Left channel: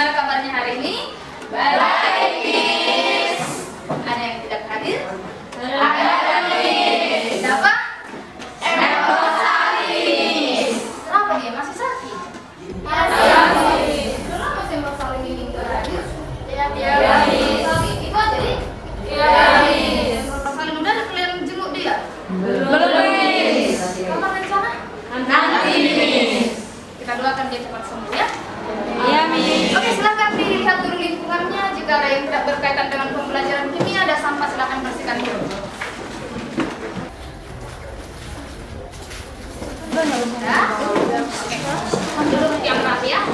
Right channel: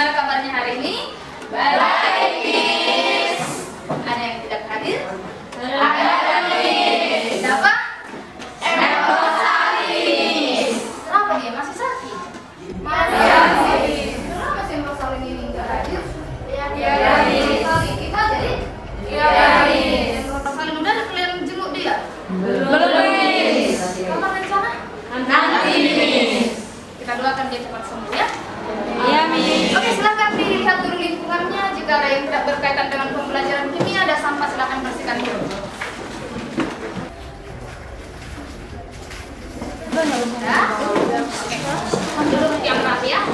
Gimana kabarnya hari ini? Baik, Miss. Ada yang tidak hadir? Ada, Miss. Siapa? Elsa, Miss. Kenapa dia masih sakit? Masih sakit. Kenapa si Rosaling ini nggak hadir? Iya, Miss. Itu aja nih? Iya, Miss. Rosaling udah ada kalian jenguk dia? Belum, Miss. Kapan rencana? Nanti, Miss. Kita doakan dia cepat sembuh ya. Iya, Miss. Oke, silakan dilihat dulu lingkungannya. Jika ada yang tidak berkaitan dengan pembelajaran kimia, ada sampah, silakan bersihkan dulu. Ya. Oke. Dulu yang rapi ya.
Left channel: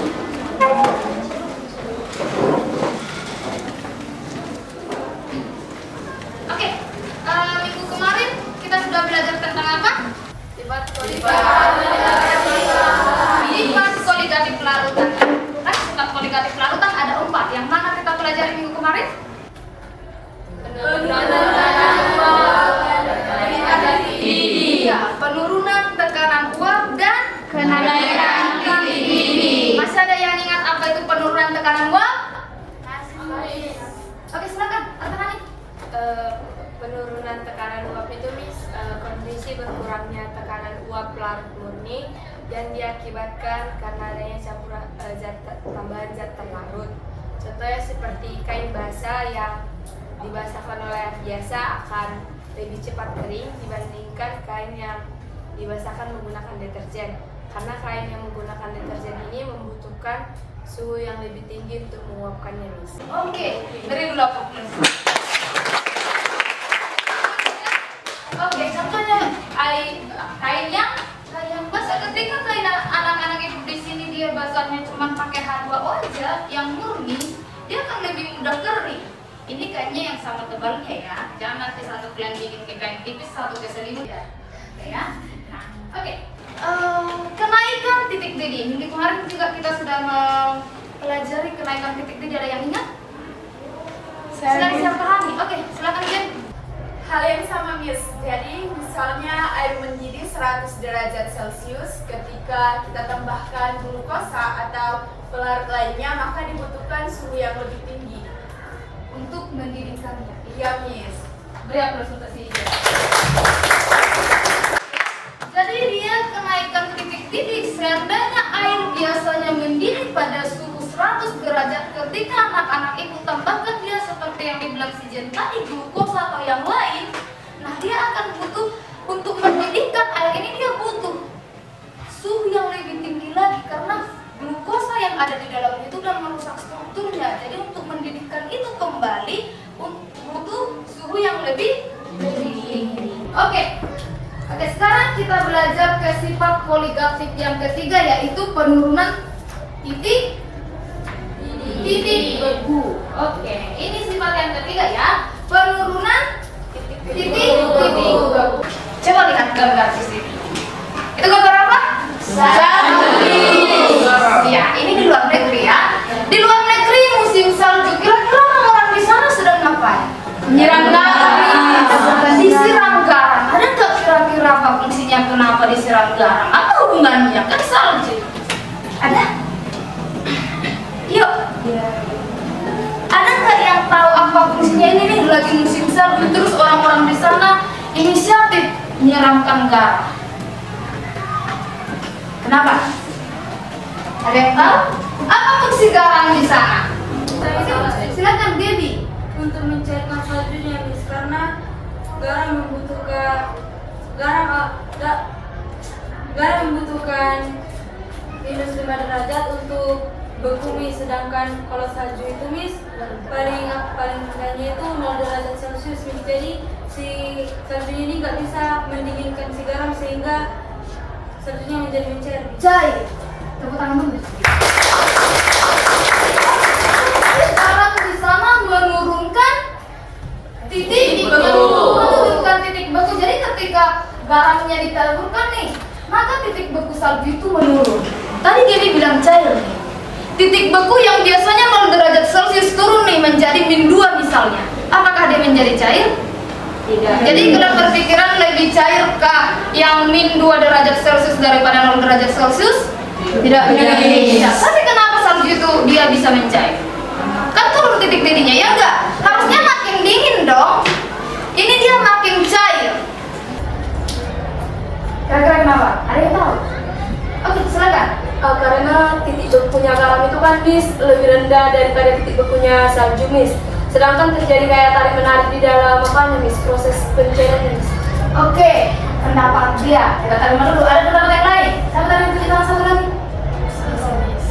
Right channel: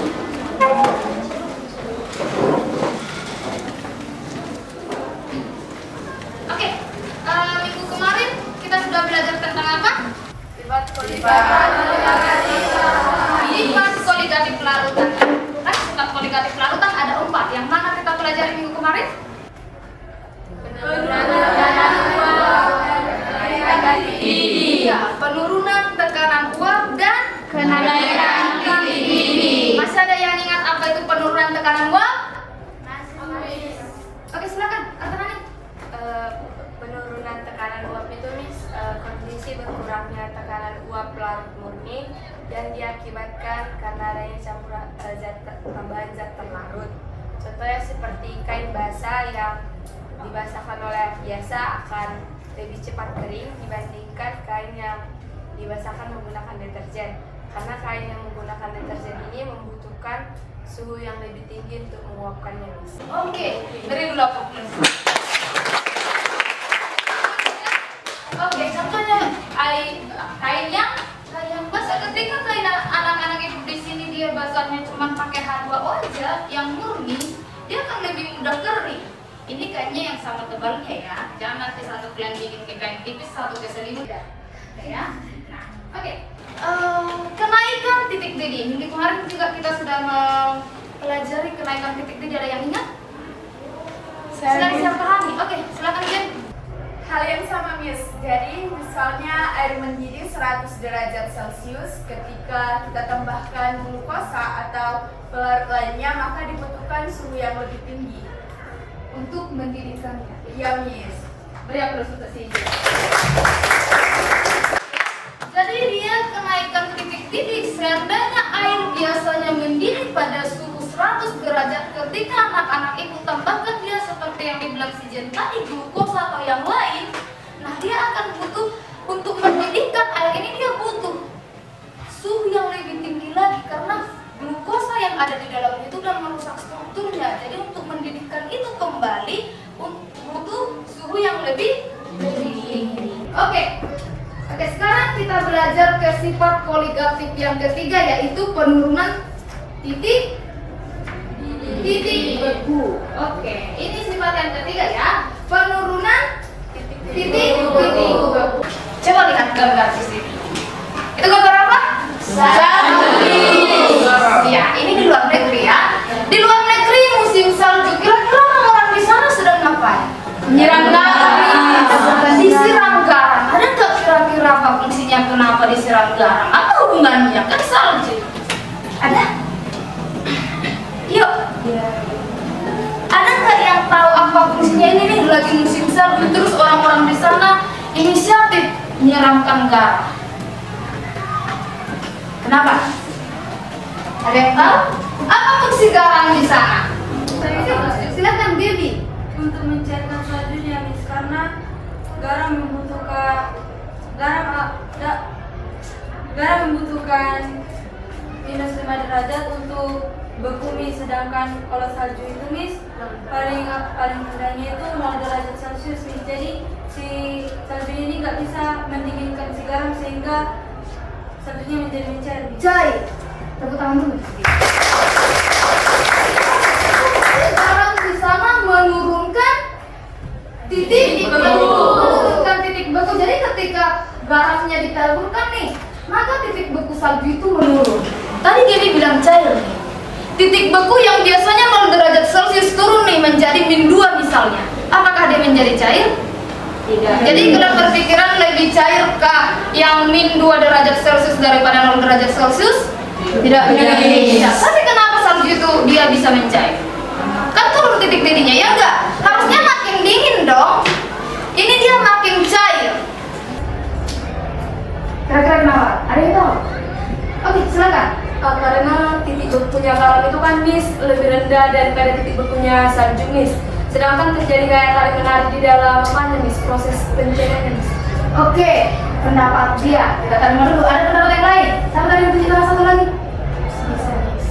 Oke. Minggu kemarin kita sudah belajar tentang apa? Sifat koligatif larutan. Sifat koligatif larutan ada 4. Yang mana kita pelajari minggu kemarin? Penurunan tekanan uap dan kenaikan titik didih. Masih ada yang ingat apa itu penurunan tekanan uap? Oke, silakan. Penurunan tekanan uap itu kondisi berkurangnya tekanan uap larut murni dan diakibatkan karena adanya campuran tambahan zat terlarut. Contohnya seperti kain basah yang dibasahkan oleh air biasa akan lebih cepat kering dibandingkan kain yang dibasahkan menggunakan deterjen. Karena kain yang menggunakan deterjen ini membutuhkan suhu yang lebih tinggi untuk menguapkannya, Miss. Oke, dari dulu aku. Oke, contohnya kain yang basah. Ketika kain anak-anak ibu di sini dia basahnya cuma pakai H2O aja yang murni, dia akan lebih mudah kering. Ini kainnya yang sama tebalnya ya. Jangan nanti satu kalian bikin ke kain tipis, satu ke selimut ya. Oke ya. Nah, oke. Kenaikan titik didih. Minggu kemarin juga kita sudah mempelajari kenaikan titik didih. Ada yang ingat? Silakan pahami. Oke, silakan Jen. Hal yang sama, Miss. Jadi misalnya air mendidih 100 derajat Celcius, ketika kita tambahkan glukosa atau pelarut lainnya, maka dibutuhkan suhu yang lebih tinggi Untuk mendidihkannya. Iya, Miss. Beri aplaus untuk si Jen. Jadi dia kenaikan titik didih. Seandainya air biasanya mendidih pada suhu 100 derajat, ketika anak-anak ibu tambahkan dia seperti yang dibilang si Jen tadi, glukosa atau yang lain, nah dia akan butuh untuk mendidihkan air ini, dia butuh suhu yang lebih tinggi lagi karena glukosa yang ada di dalam itu dan merusak strukturnya. Jadi untuk mendidihkan itu kembali butuh suhu yang lebih tinggi. Oke, sekarang kita belajar ke sifat koligatif yang ketiga, yaitu penurunan titik beku. Oke, ini sifat yang ketiga ya, penurunan titik beku. Coba lihat gambar di sini. Itu gambar apa? Salju. Ya, ini di luar negeri ya. Di luar negeri musim salju, kira-kira orang di sana sedang ngapain? Menyiram garam. Disiram garam. Ada nggak kira-kira apa fungsinya, kenapa disiram garam? Apa hubungannya? Kan salju. Ada? Yuk. Ada nggak yang tahu apa fungsinya? Ini nih lagi musim salju, terus orang-orang di sana inisiatif menyiramkan garam. Kenapa? Ada yang tahu? Apa fungsi garam di sana? Silakan Debbie. Untuk mencairkan saljunya, Miss, karena garam membutuhkan minus 5 derajat untuk beku, Miss. Sedangkan kalau salju itu, Miss, paling rendahnya itu 0 derajat Celcius, Miss. Jadi si salju ini nggak bisa mendinginkan si garam sehingga saljunya menjadi mencair, Miss. Cair. Tepuk tangan dulu. Garam di sana menurunkan titik beku. Jadi ketika garamnya ditaburkan nih, maka titik beku salju itu menurun. Tadi Gaby bilang cair nih. Titik beku yang biasanya 0 derajat Celcius turun nih menjadi -2 misalnya. Apakah dia menjadi cair? Tidak. Jadi kalian berpikiran lebih cairkah yang -2 derajat Celcius daripada 0 derajat Celcius? Tidak. Tapi kenapa salju itu dia bisa mencair? bekunya kalam itu kan Miss lebih rendah daripada titik bekunya salju Miss. Sedangkan terjadi kayak tarik menarik di dalam apanya Miss, proses pencairannya Miss. Oke, pendapat dia. Kita terima dulu. Ada pendapat yang lain? Sama tadi punya salah satu lagi.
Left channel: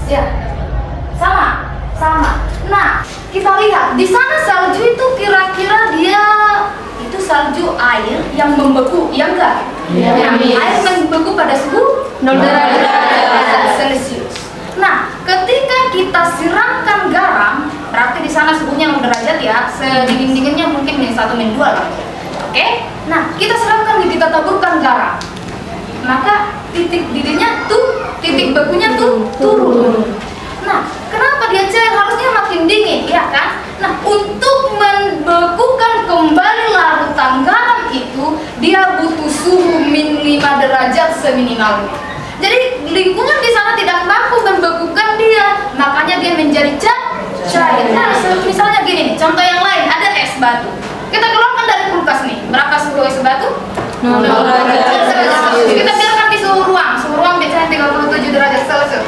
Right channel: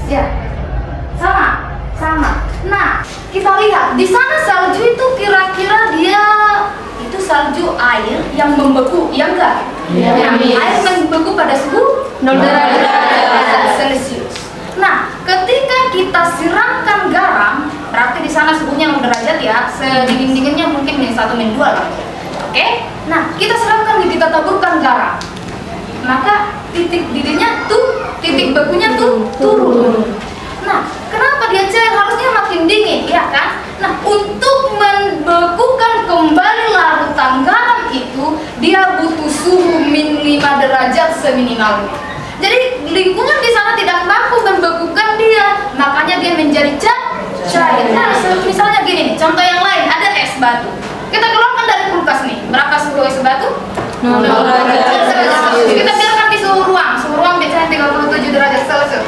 Ya, sama. Nah, kita lihat di sana salju itu kira-kira dia itu salju air yang membeku, ya enggak? Iya. Air membeku pada suhu 0 derajat Celcius. Nah, ketika kita siramkan garam, berarti di sana suhunya 0 derajat ya, sedingin-dinginnya mungkin -1 -2 lah. Oke? Nah, kita siramkan, kita taburkan garam. Maka titik didihnya titik bekunya turun. Nah, kenapa dia cair? Harusnya makin dingin, ya kan? Nah, untuk membekukan kembali larutan garam itu, dia butuh suhu -5 derajat seminimalnya. Jadi lingkungan di sana tidak mampu membekukan dia, makanya dia menjadi cair. Nah, misalnya gini, contoh yang lain, ada es batu. Kita keluarkan dari kulkas nih, berapa suhu es batu? 0 derajat. Kita biarkan di suhu ruang biasanya 37 derajat Celcius.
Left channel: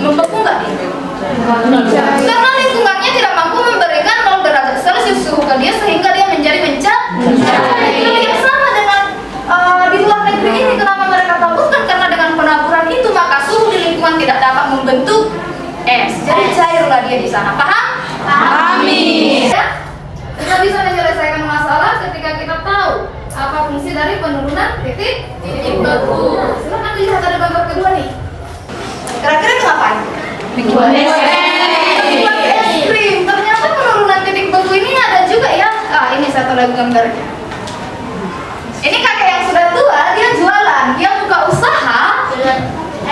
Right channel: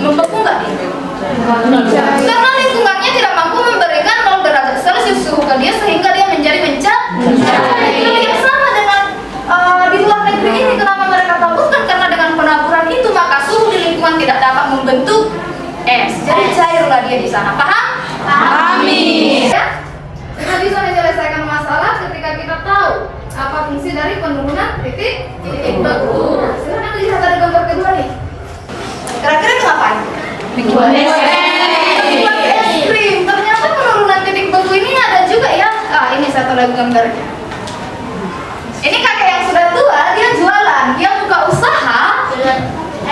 Membeku nggak dia? Karena lingkungannya tidak mampu memberikan 0 derajat Celcius suhu ke dia sehingga dia menjadi mencair. Yang sama dengan di luar negeri ini, kenapa mereka taburkan? Karena dengan penaburan itu maka suhu di lingkungan tidak dapat membentuk es. Jadi cairlah dia di sana. Paham? Pahami. Ya? Kita bisa menyelesaikan masalah ketika kita tahu apa fungsi dari penurunan titik beku. Silakan dilihat ada gambar kedua nih. Kira-kira itu ngapain? Bikin es krim. Ternyata penurunan titik beku ini ada juga ya. Ini satu lagi gambarnya. Ini kakek yang sudah tua, dia jualan, dia buka usaha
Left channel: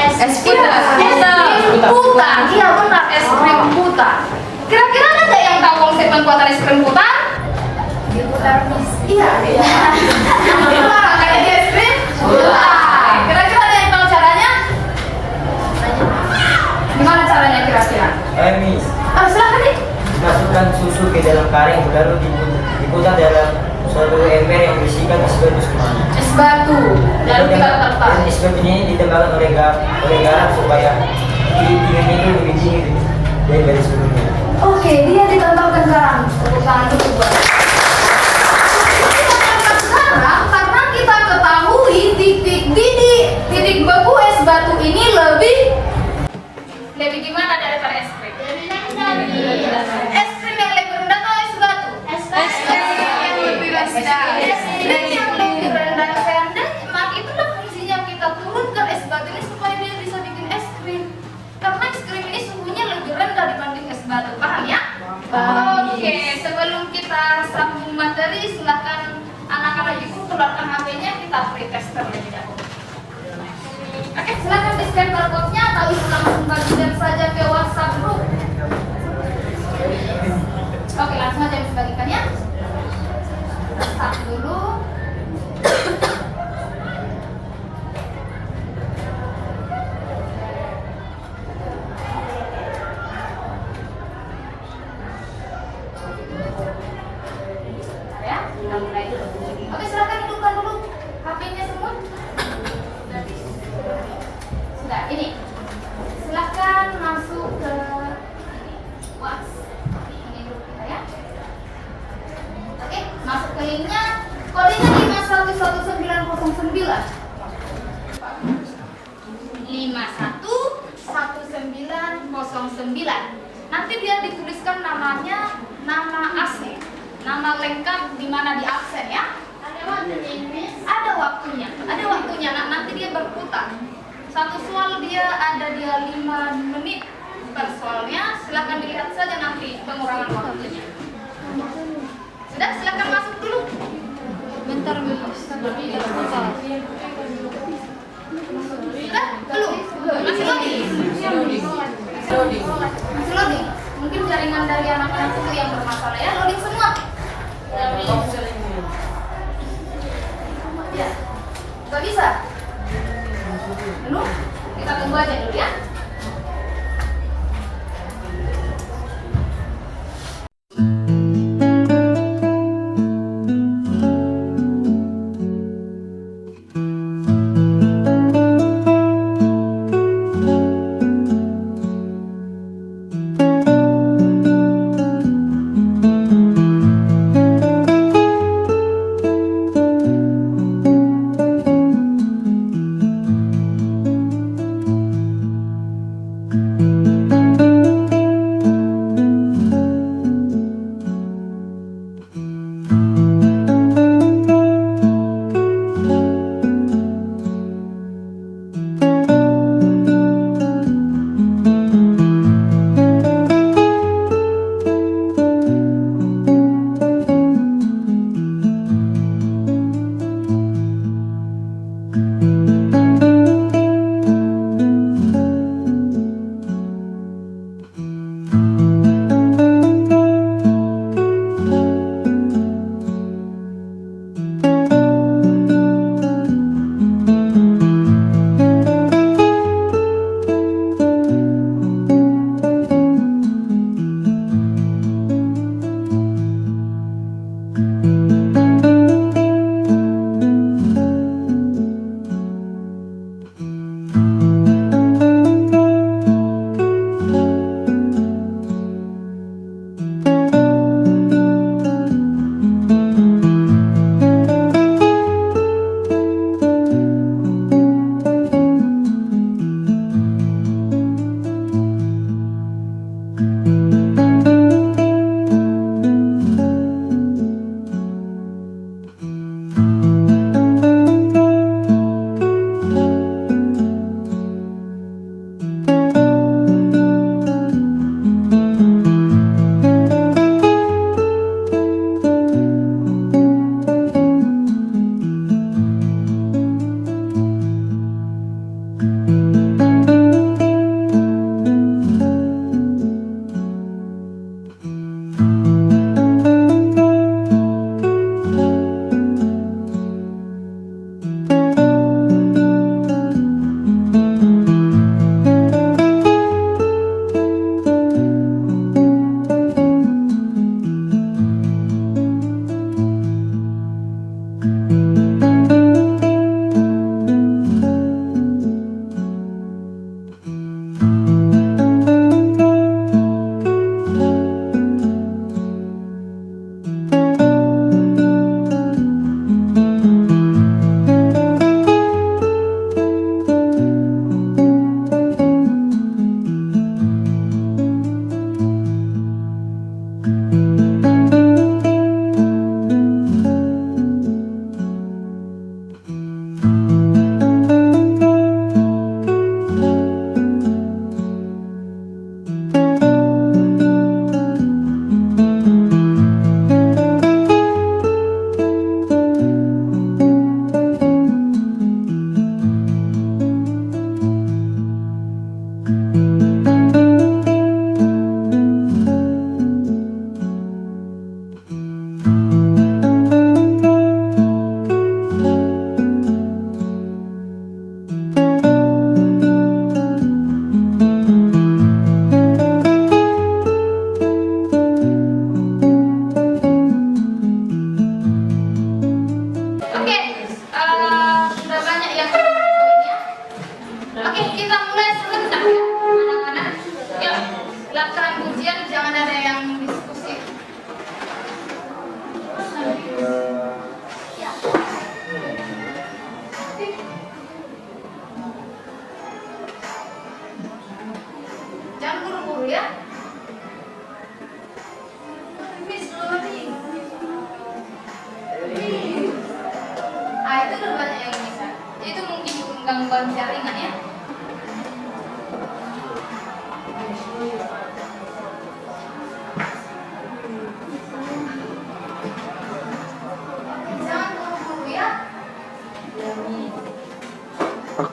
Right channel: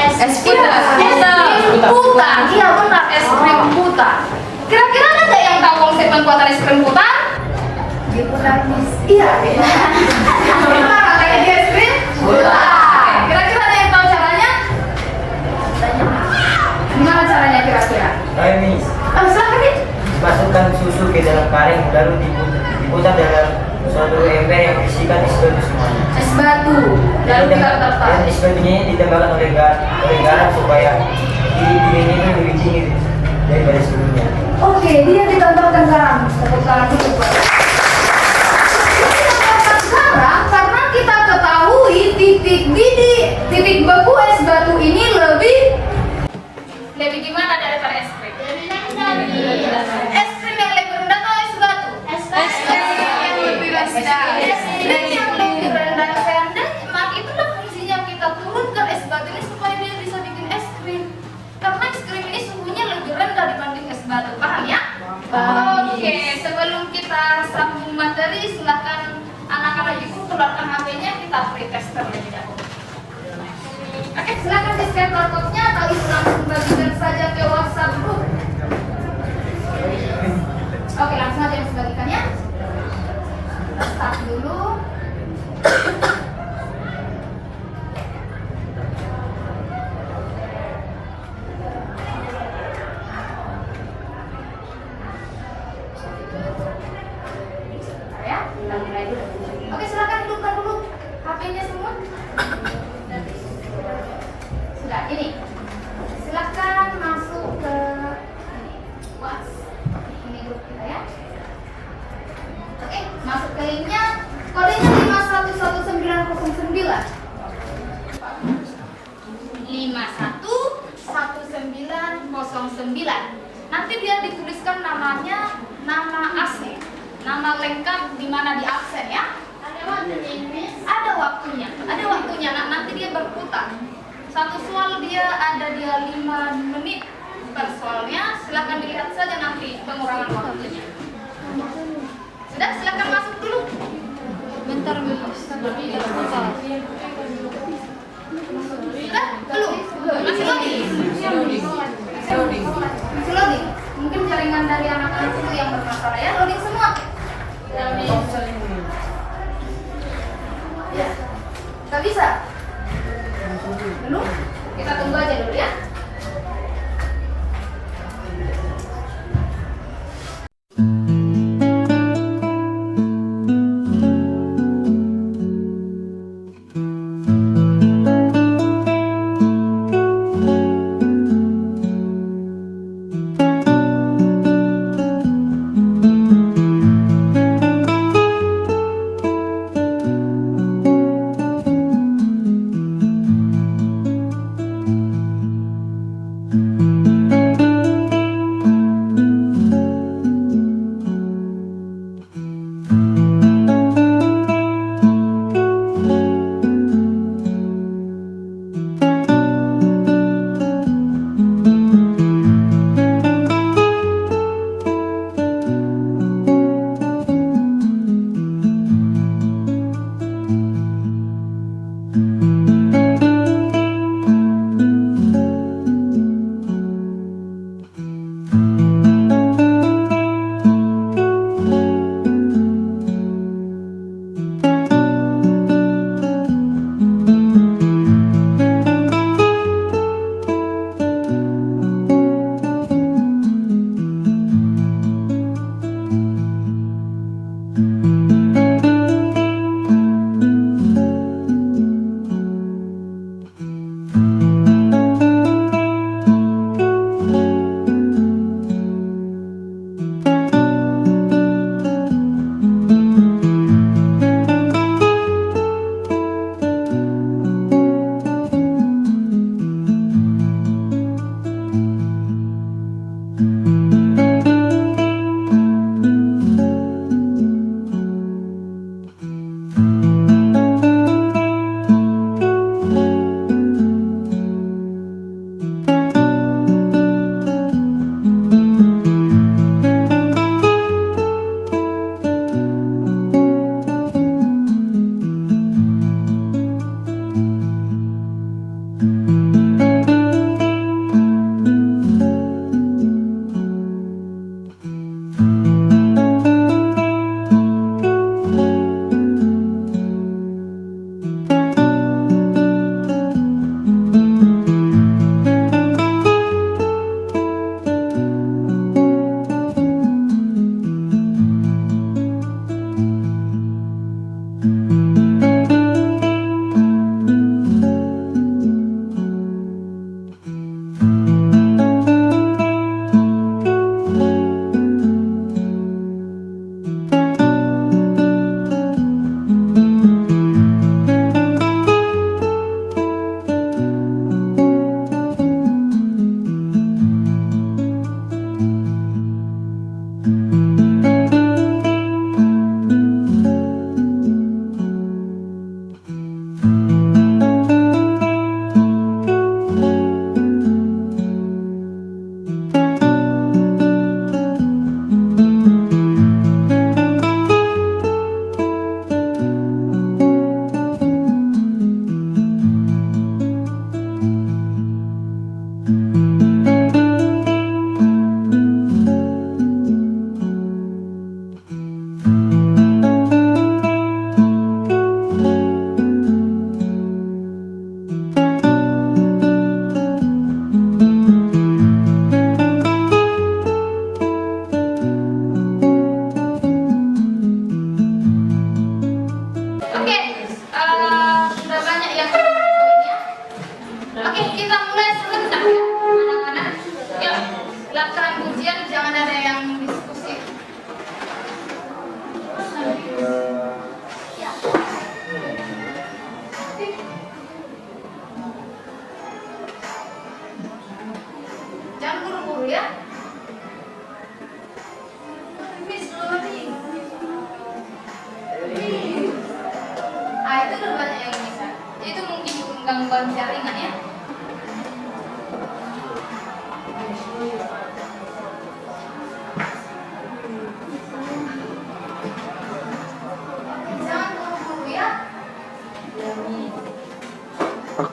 es krim putar. Iya benar, es krim putar. Kira-kira ada nggak yang tahu konsep pembuatan es krim putar? Diputar Miss. Iya. Kayak di es krim putar. Kira-kira ada yang tahu caranya? Gimana caranya kira-kira? Miss, Silakan nih. masukkan susu ke dalam kaleng lalu diputar dalam suatu ember yang berisikan es batu semua. Es batu dan tidak tertarik. Dan es batu ini ditambahkan oleh garam supaya dingin ini lebih dingin daripada sebelumnya. Oke, dia ditambahkan garam. Tepuk tangan dulu. Ditambahkan garam karena kita ketahui titik beku es batu ini lebih gimana daripada es krim? Es krim yang lebih rendah atau es batu? Es krim yang lebih rendah. Es krim yang lebih rendah. Maka itulah fungsinya kita turunkan es batu ini supaya dia bisa bikin es krim. Karena es krim ini suhunya lebih rendah dibanding es batu. Paham ya? Oke, sebelum kita sambung materi, silakan anak-anak ibu keluarkan HP-nya, kita pretest terlebih dahulu. Oke, silakan di-scan barcode-nya, kali langsung bagikan saja ke WhatsApp group. Oke, langsung aja dibagikan ya. Start dulu. Ya, kita mulai dulu. Oke, silakan hidupkan dulu HP-nya semua. Sudah, ini. Silakan masuk ke WhatsApp. Ini grup kita ya. Oke, masuk ke linknya. Kodenya 511909. 511909. Nanti dia dituliskan namanya, nama asli, nama lengkap di mana di absen ya. Ada waktunya. Nah, nanti dia berputar. Satu soal dia ada 5 menit per soalnya. Silakan dilihat saja nanti pengurangan waktunya. Sudah, silakan masuk dulu. Bentar, sudah? Belum? Masih loading. Mungkin jaringan dari anak-anak itu yang bermasalah ya. Loading semua. Ya. Gak bisa? Dulu? Kita tunggu aja dulu ya.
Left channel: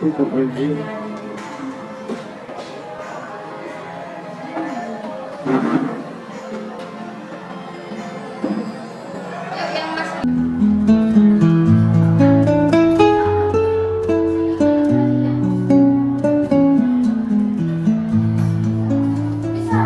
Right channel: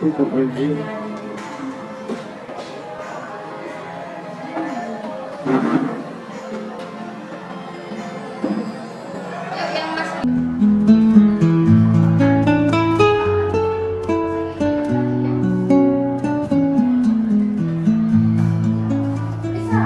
tutup lagi. Yuk, yang masih bisa.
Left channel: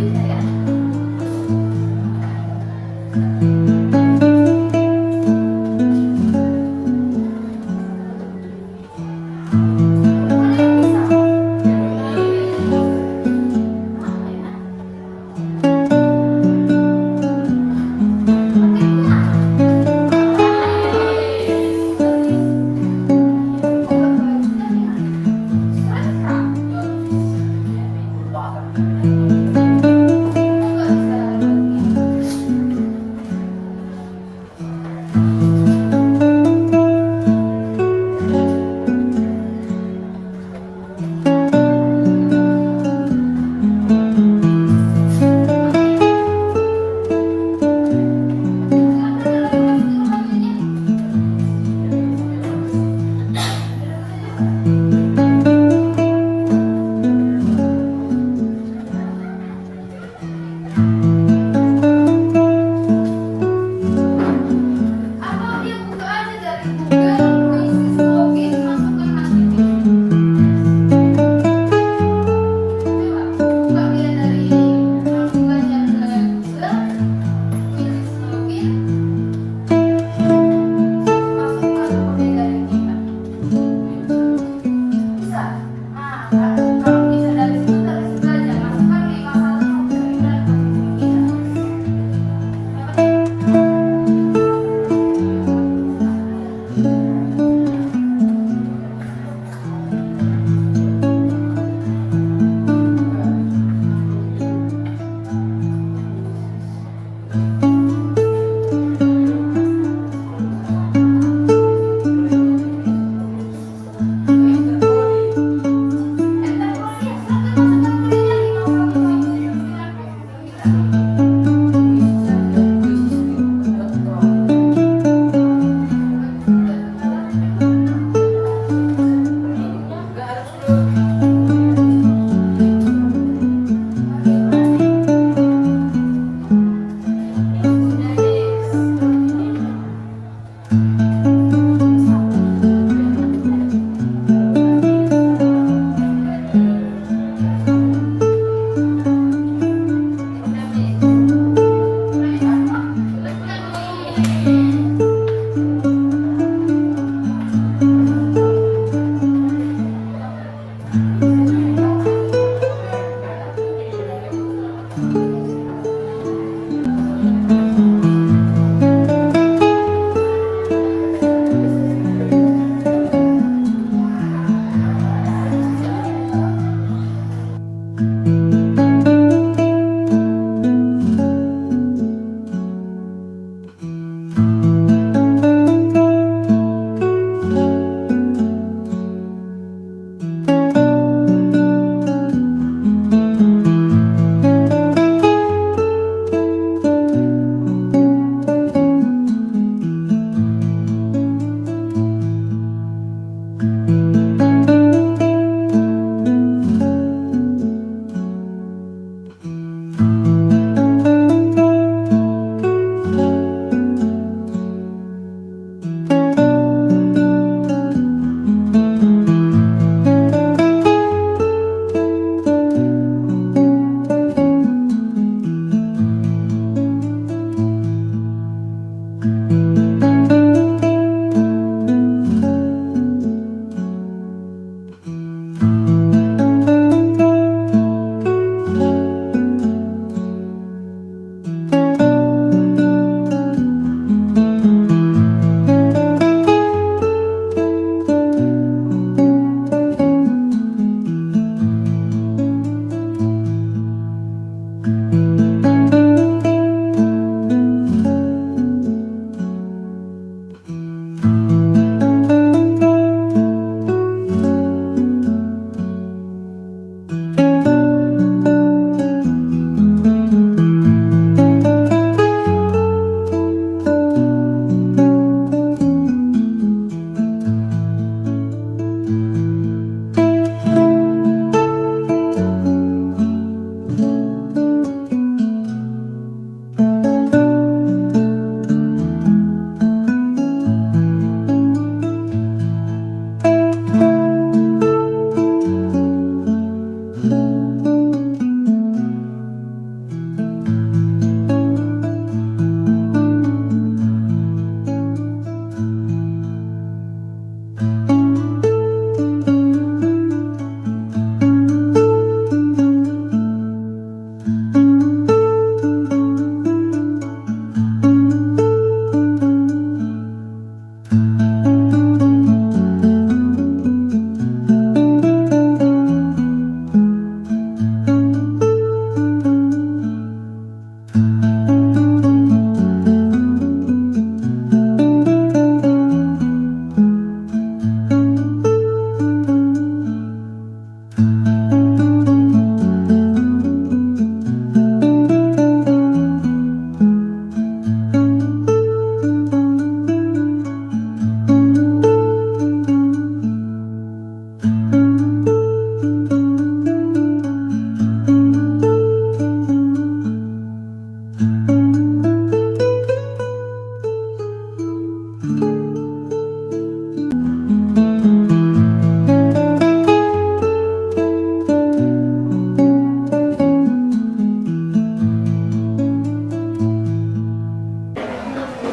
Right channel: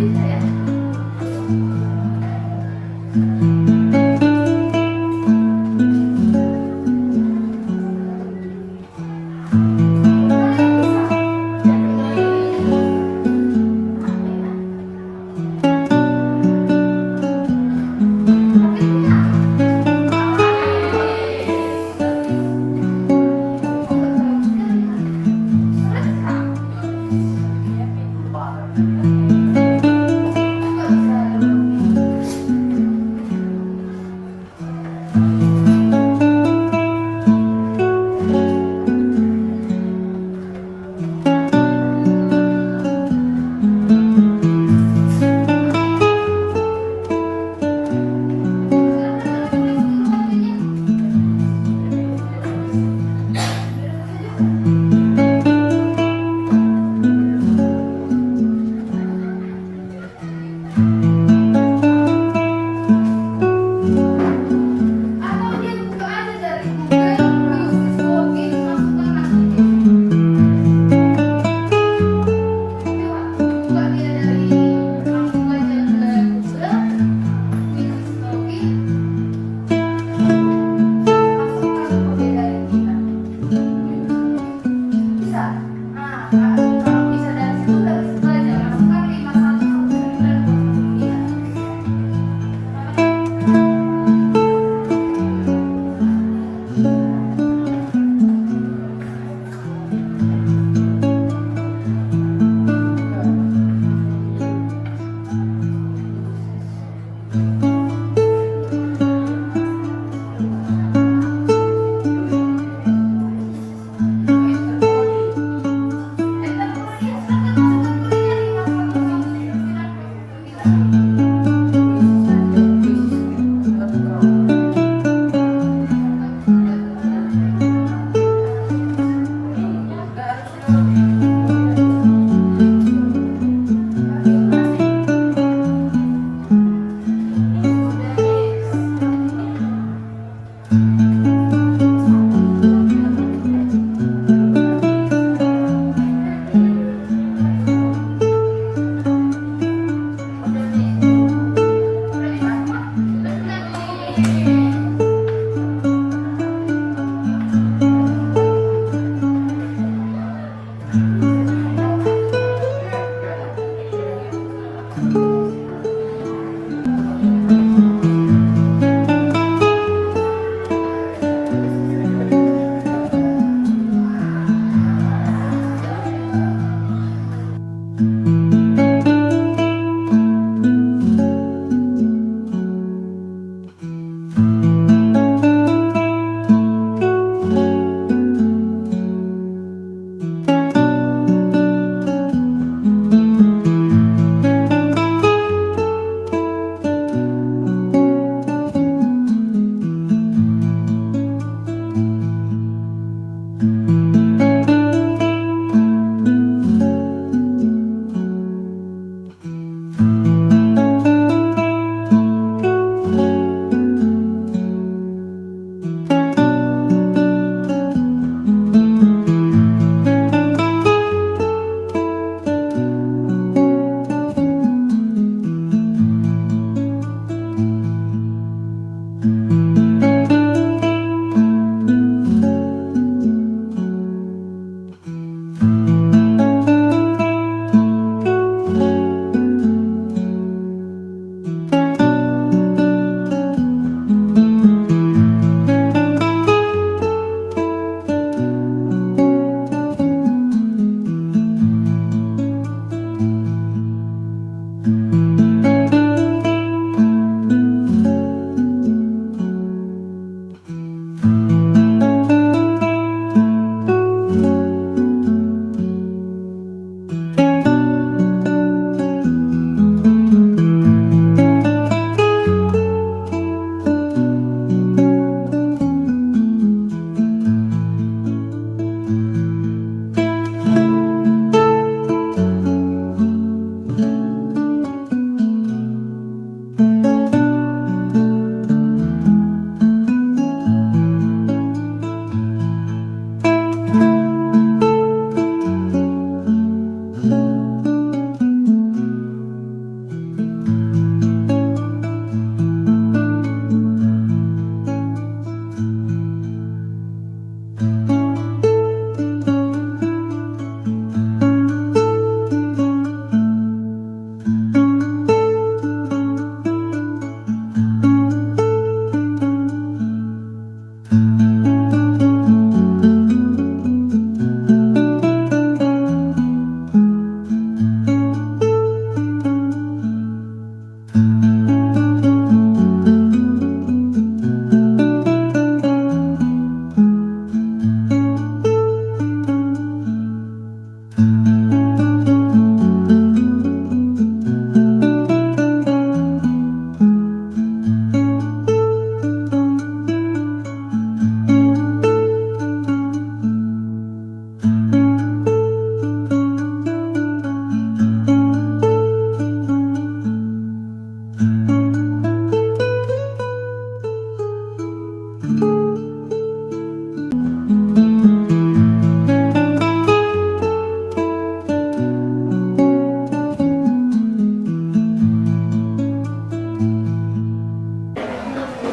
Bisa ya?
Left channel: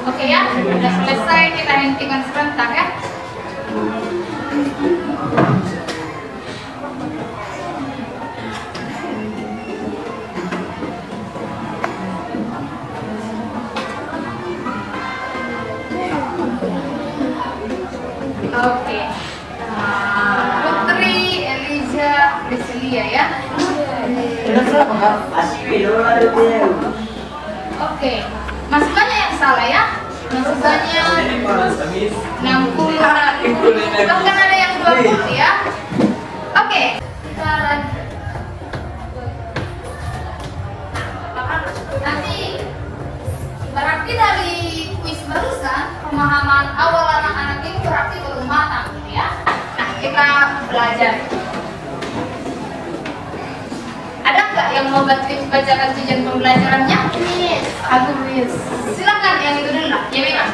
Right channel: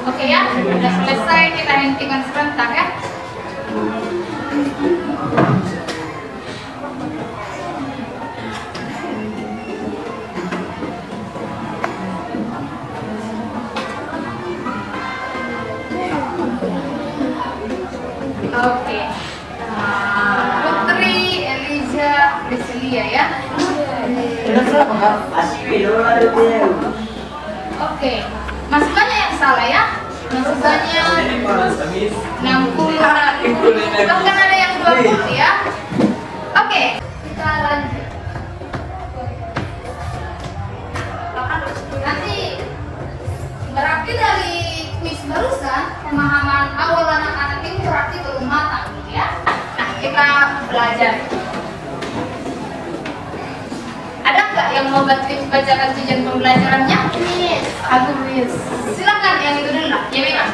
Oke ya, sudah selesai, kita hentikan sebentar ya. Oke. Putri Eliza Priscilia ya. Oke. Masih banyak yang salah ya. Masih banyak 60, bahkan ada yang 20 ya. Oke, kita lanjut. Nanti berarti dari kuis barusan pemahaman awal anak-anak ini berarti belum matang ya. Nah, kita belajar. Ada nggak yang mau bacakan tujuan pembelajarannya? Aku Miss. Silakan yang itu dulu lah. Ya memang.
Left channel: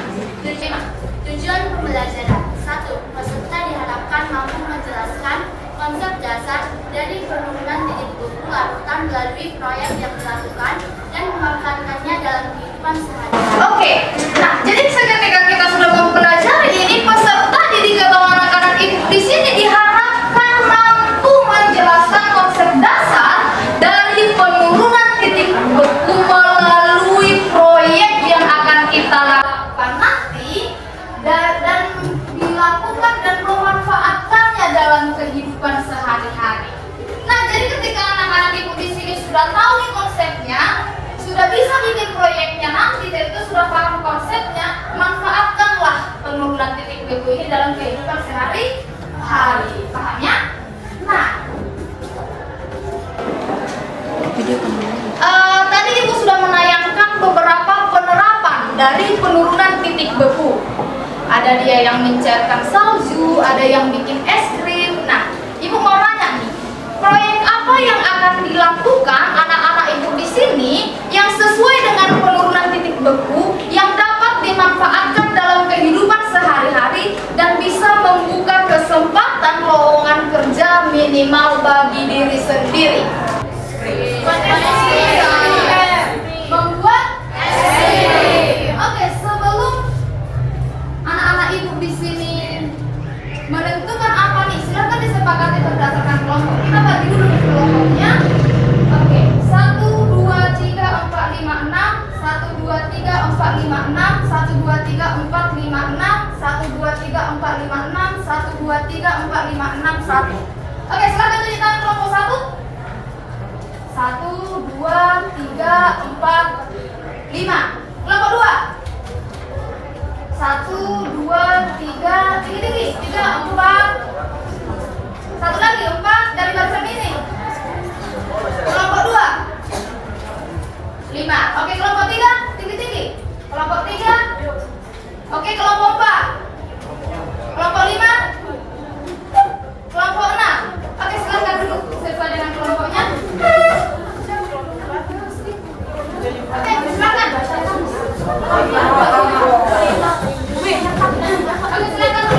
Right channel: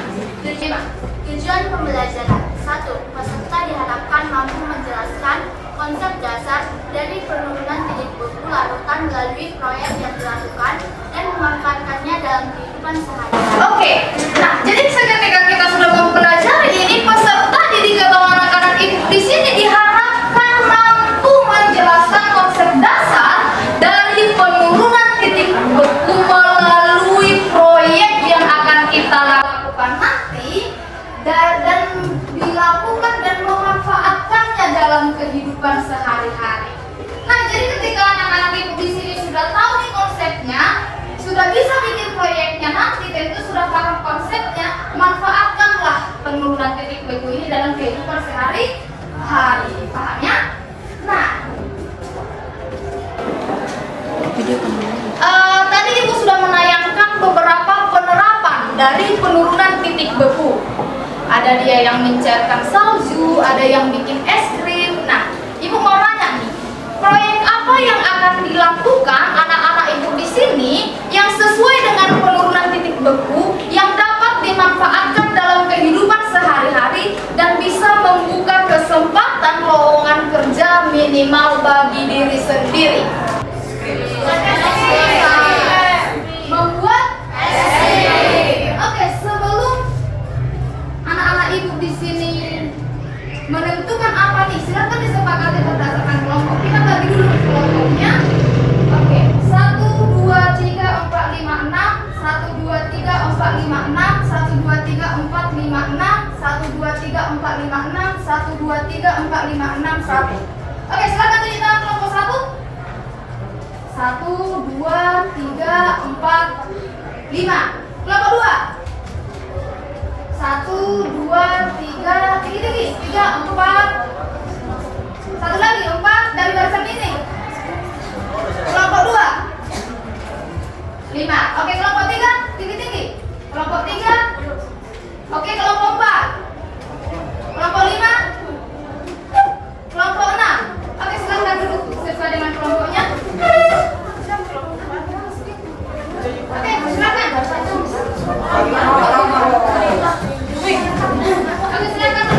Tujuan pembelajaran 1. Peserta diharapkan mampu menjelaskan konsep dasar dari penurunan titik beku larutan melalui proyek yang dilakukan dan memanfaatkannya dalam kehidupan sehari-hari. Oke. Nah, jadi ketika kita sudah mempelajari ini, peserta didik atau anak-anak ibu di sini diharapkan mampu menjelaskan konsep dasar dari penurunan titik beku melalui proyek yang akan kita lakukan nanti dan dilakukan dan memanfaatkannya dalam kehidupan sehari-hari. Nah, jadi ketika anak-anak ibu di sini sudah tahu nih konsepnya, sudah bisa bikin proyeknya nanti, dan itu sudah paham konsepnya, manfaatkanlah penurunan titik beku ini dalam kehidupan sehari-hari. Paham ya? Nah, tadi ibu sudah menayangkan beberapa penerapan dari penurunan titik beku. Ada dia yang mencairkan salju, ada yang bikin es krim. Nah, ibu mau nanya nih, proyek apa yang akan dilakukan anak-anak ibu di sini yang sesuai dengan penurunan titik beku yang dapat dimanfaatkan dalam kehidupan sehari-hari dan bisa membuka kesempatan lowongan kerja minimal bagi diri sendiri? Membuat es krim. Oke, sebelum anak-anak ibu di sini menentukan apa nih, silakan disepakati berdasarkan kelompok. Kita bagi dulu kelompoknya. Oke, 1, 2, 3, 4, 5, 6, 1, 2, 3, 4, 5, 6, 1, 2, 3, 4, 5, 6, 1, 2, 3, 4, 5, 6, 1, 2, 3, 4, 5, 6, 1. Oke, silakan tunjuk tangan kelompok 1. 1, 2, 3, 4, 5. Kelompok 2. 1, 2, 3, tinggi-tinggi. 3, 4. Satu lagi, 4 dari barisan ini. Kelompok 2. 5. Oke, kelompok 3, tinggi-tinggi. Kelompok 3. Oke, kelompok 4. Kelompok 5. Kelompok 6. Oke, silakan duduk sesuai dengan kelompoknya. Oke, silakan. Oke, silakan.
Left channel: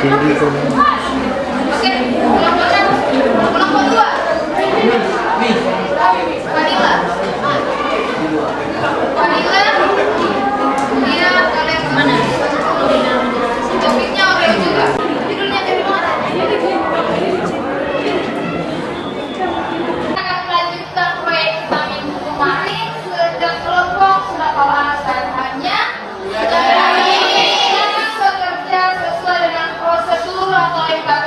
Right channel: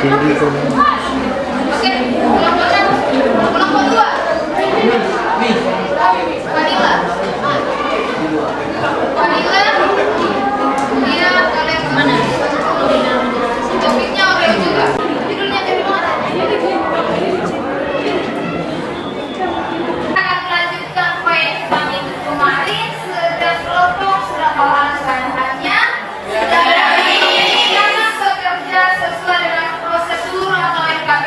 Oke, kelompok dua. Vanilla. Dia kalian mana? Topiknya Oreo juga. Judulnya dari mana? Akan melanjutkan proyek kita minggu kemarin. Setiap kelompok sudah tahu alasannya. Dan ini akan bekerja sesuai dengan prosedur atau SKP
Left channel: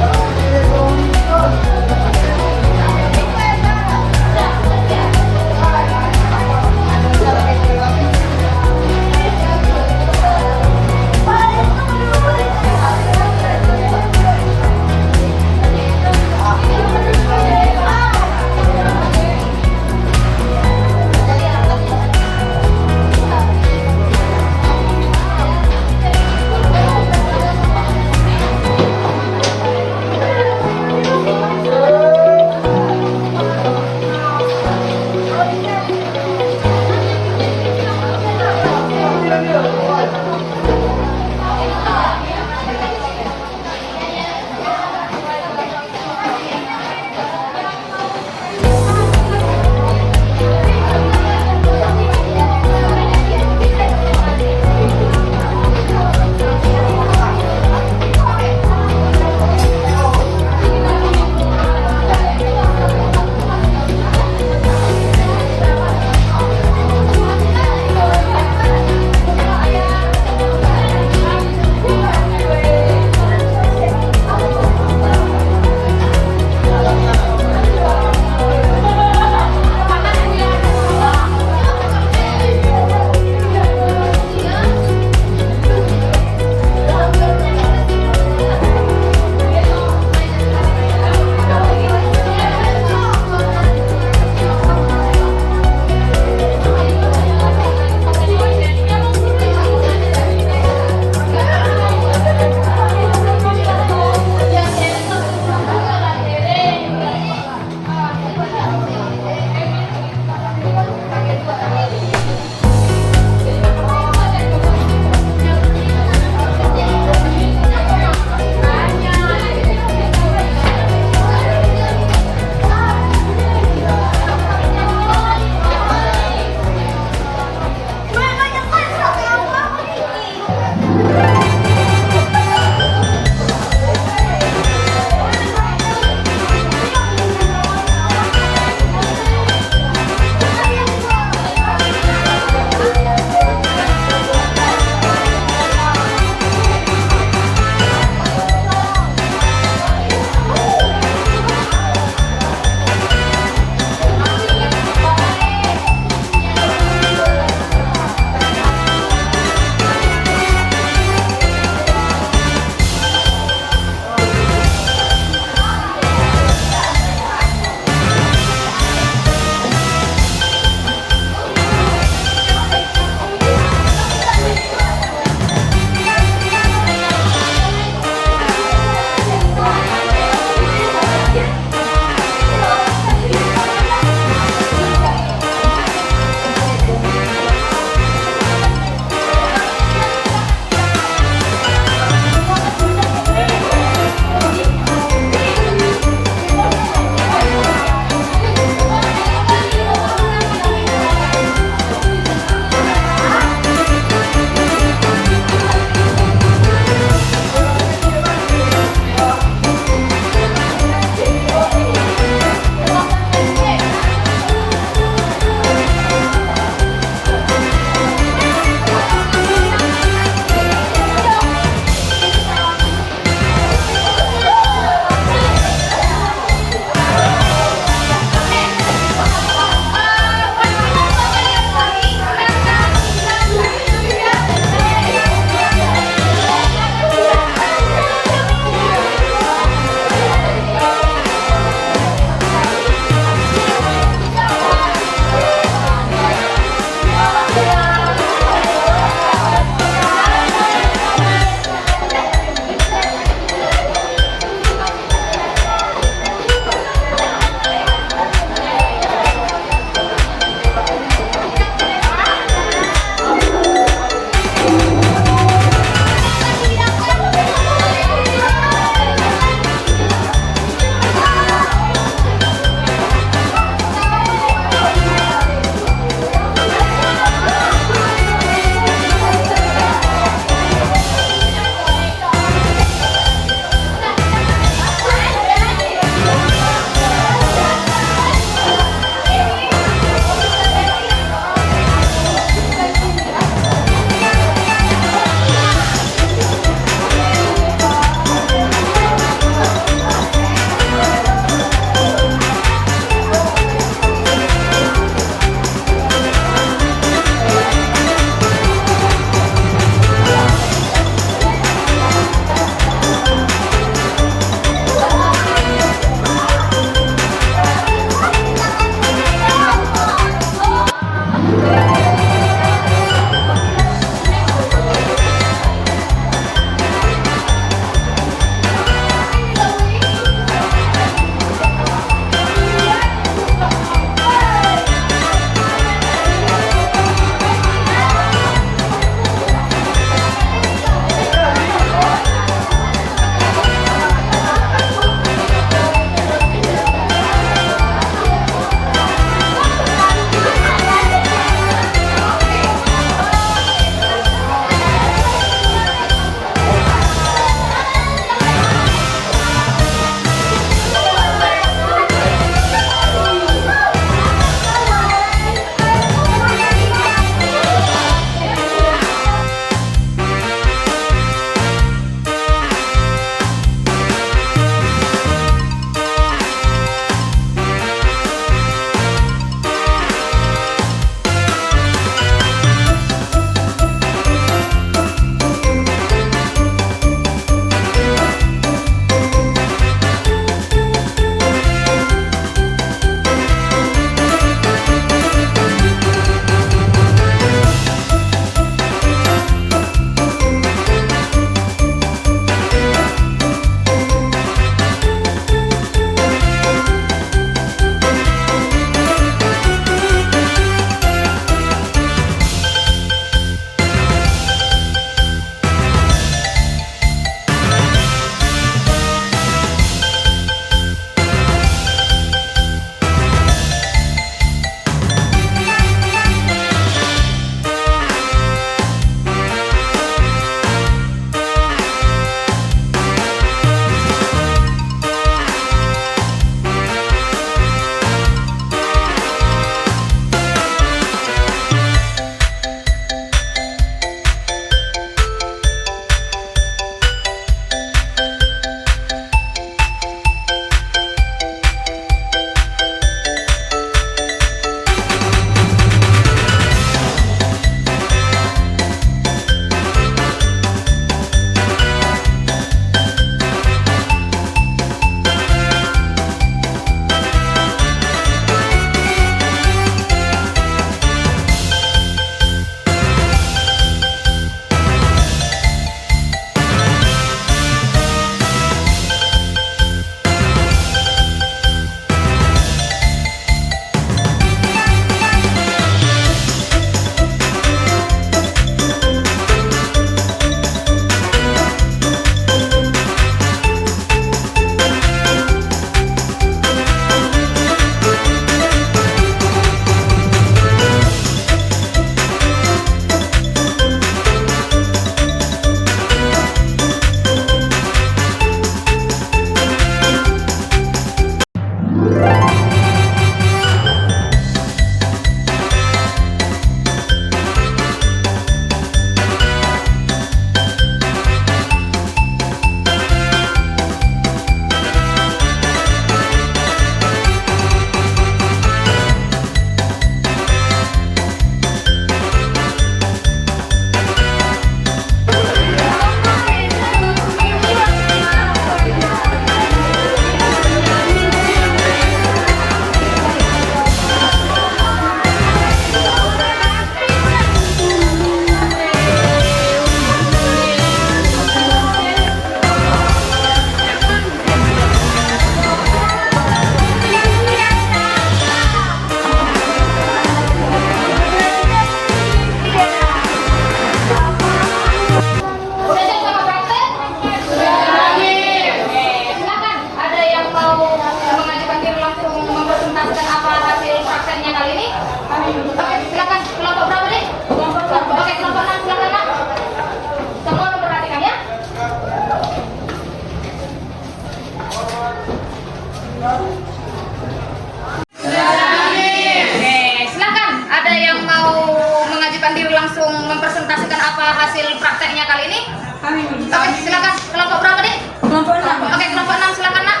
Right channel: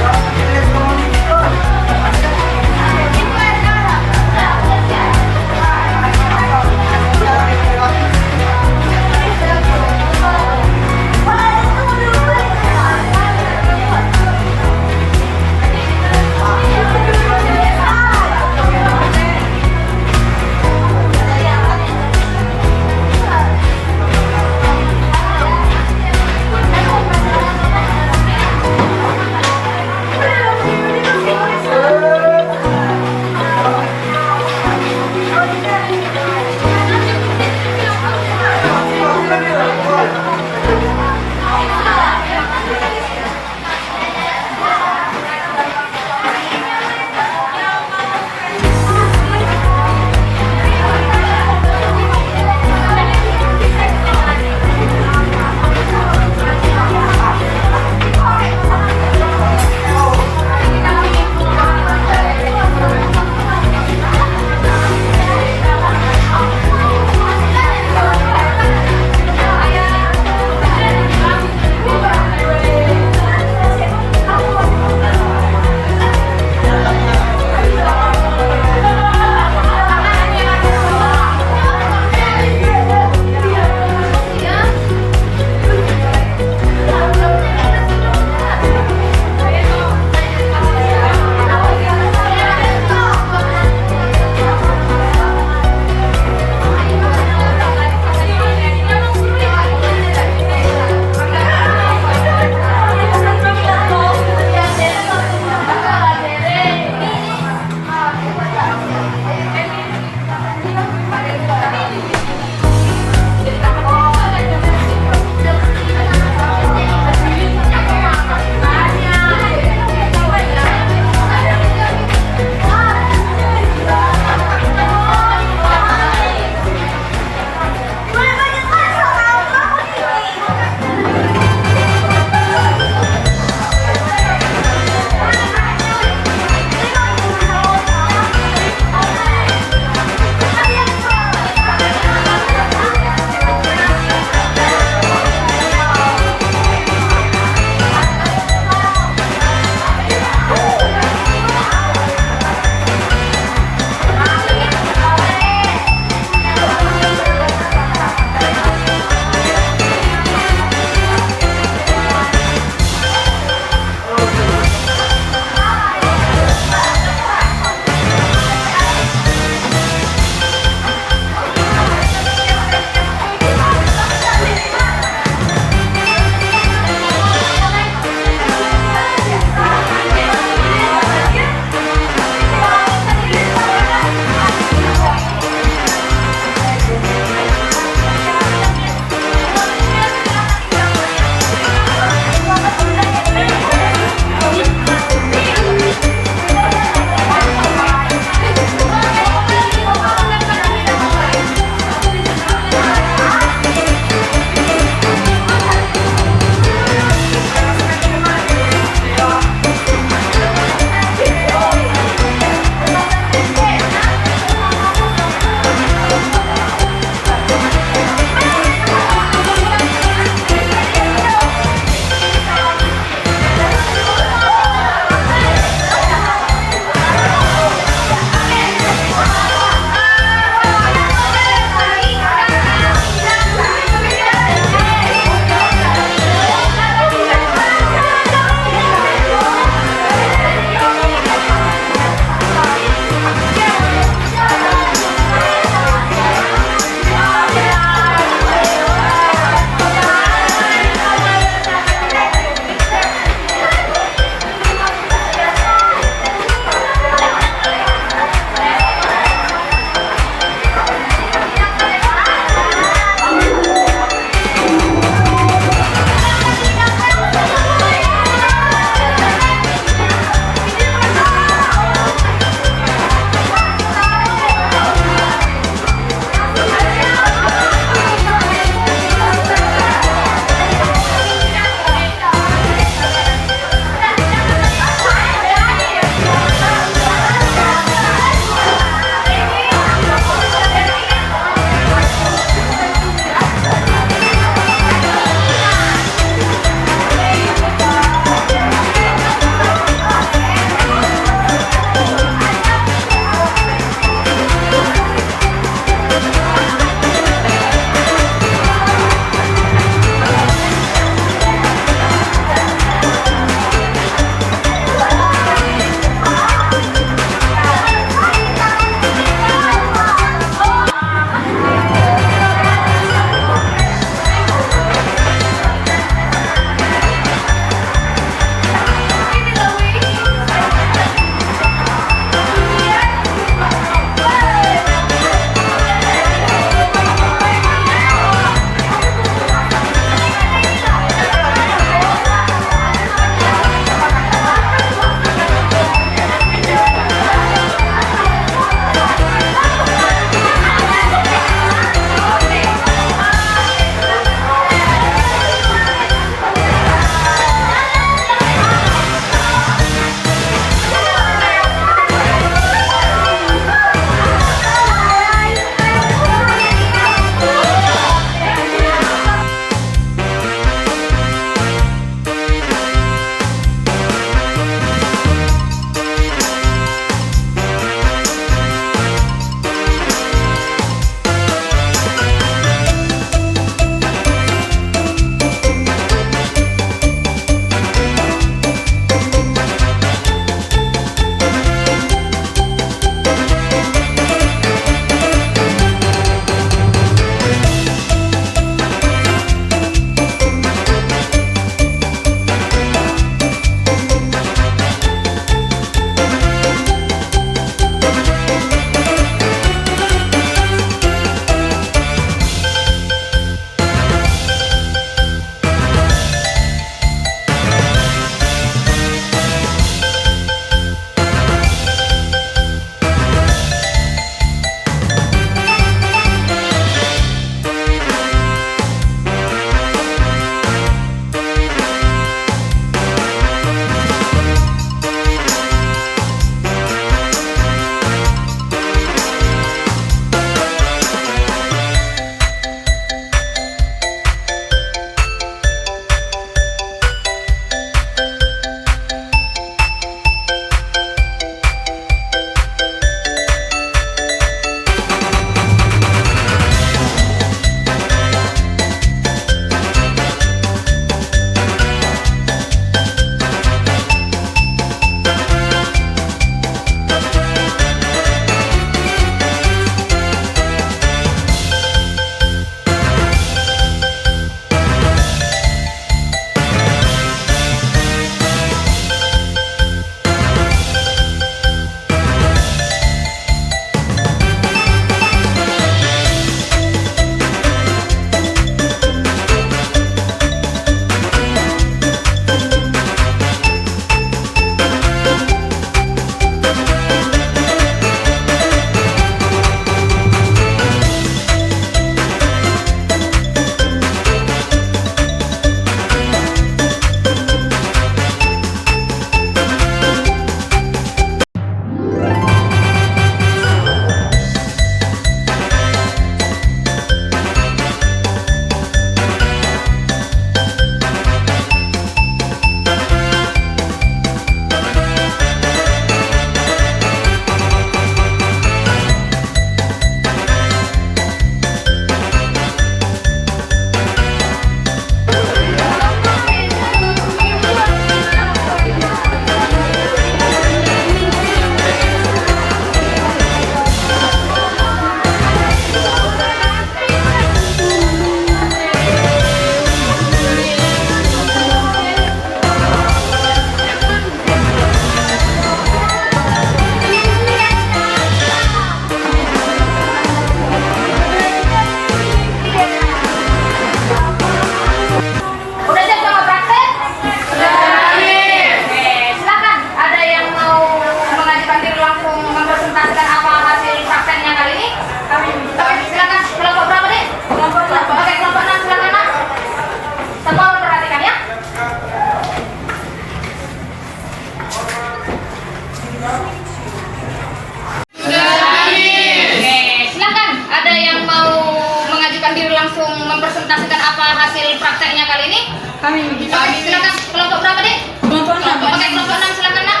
mempresentasikan apa hasil prakteknya kali ini? Kami Oke, silakan. Kelompok berapa, Dek? kelompok 6. Oke, kelompok 6 silakan, Nak.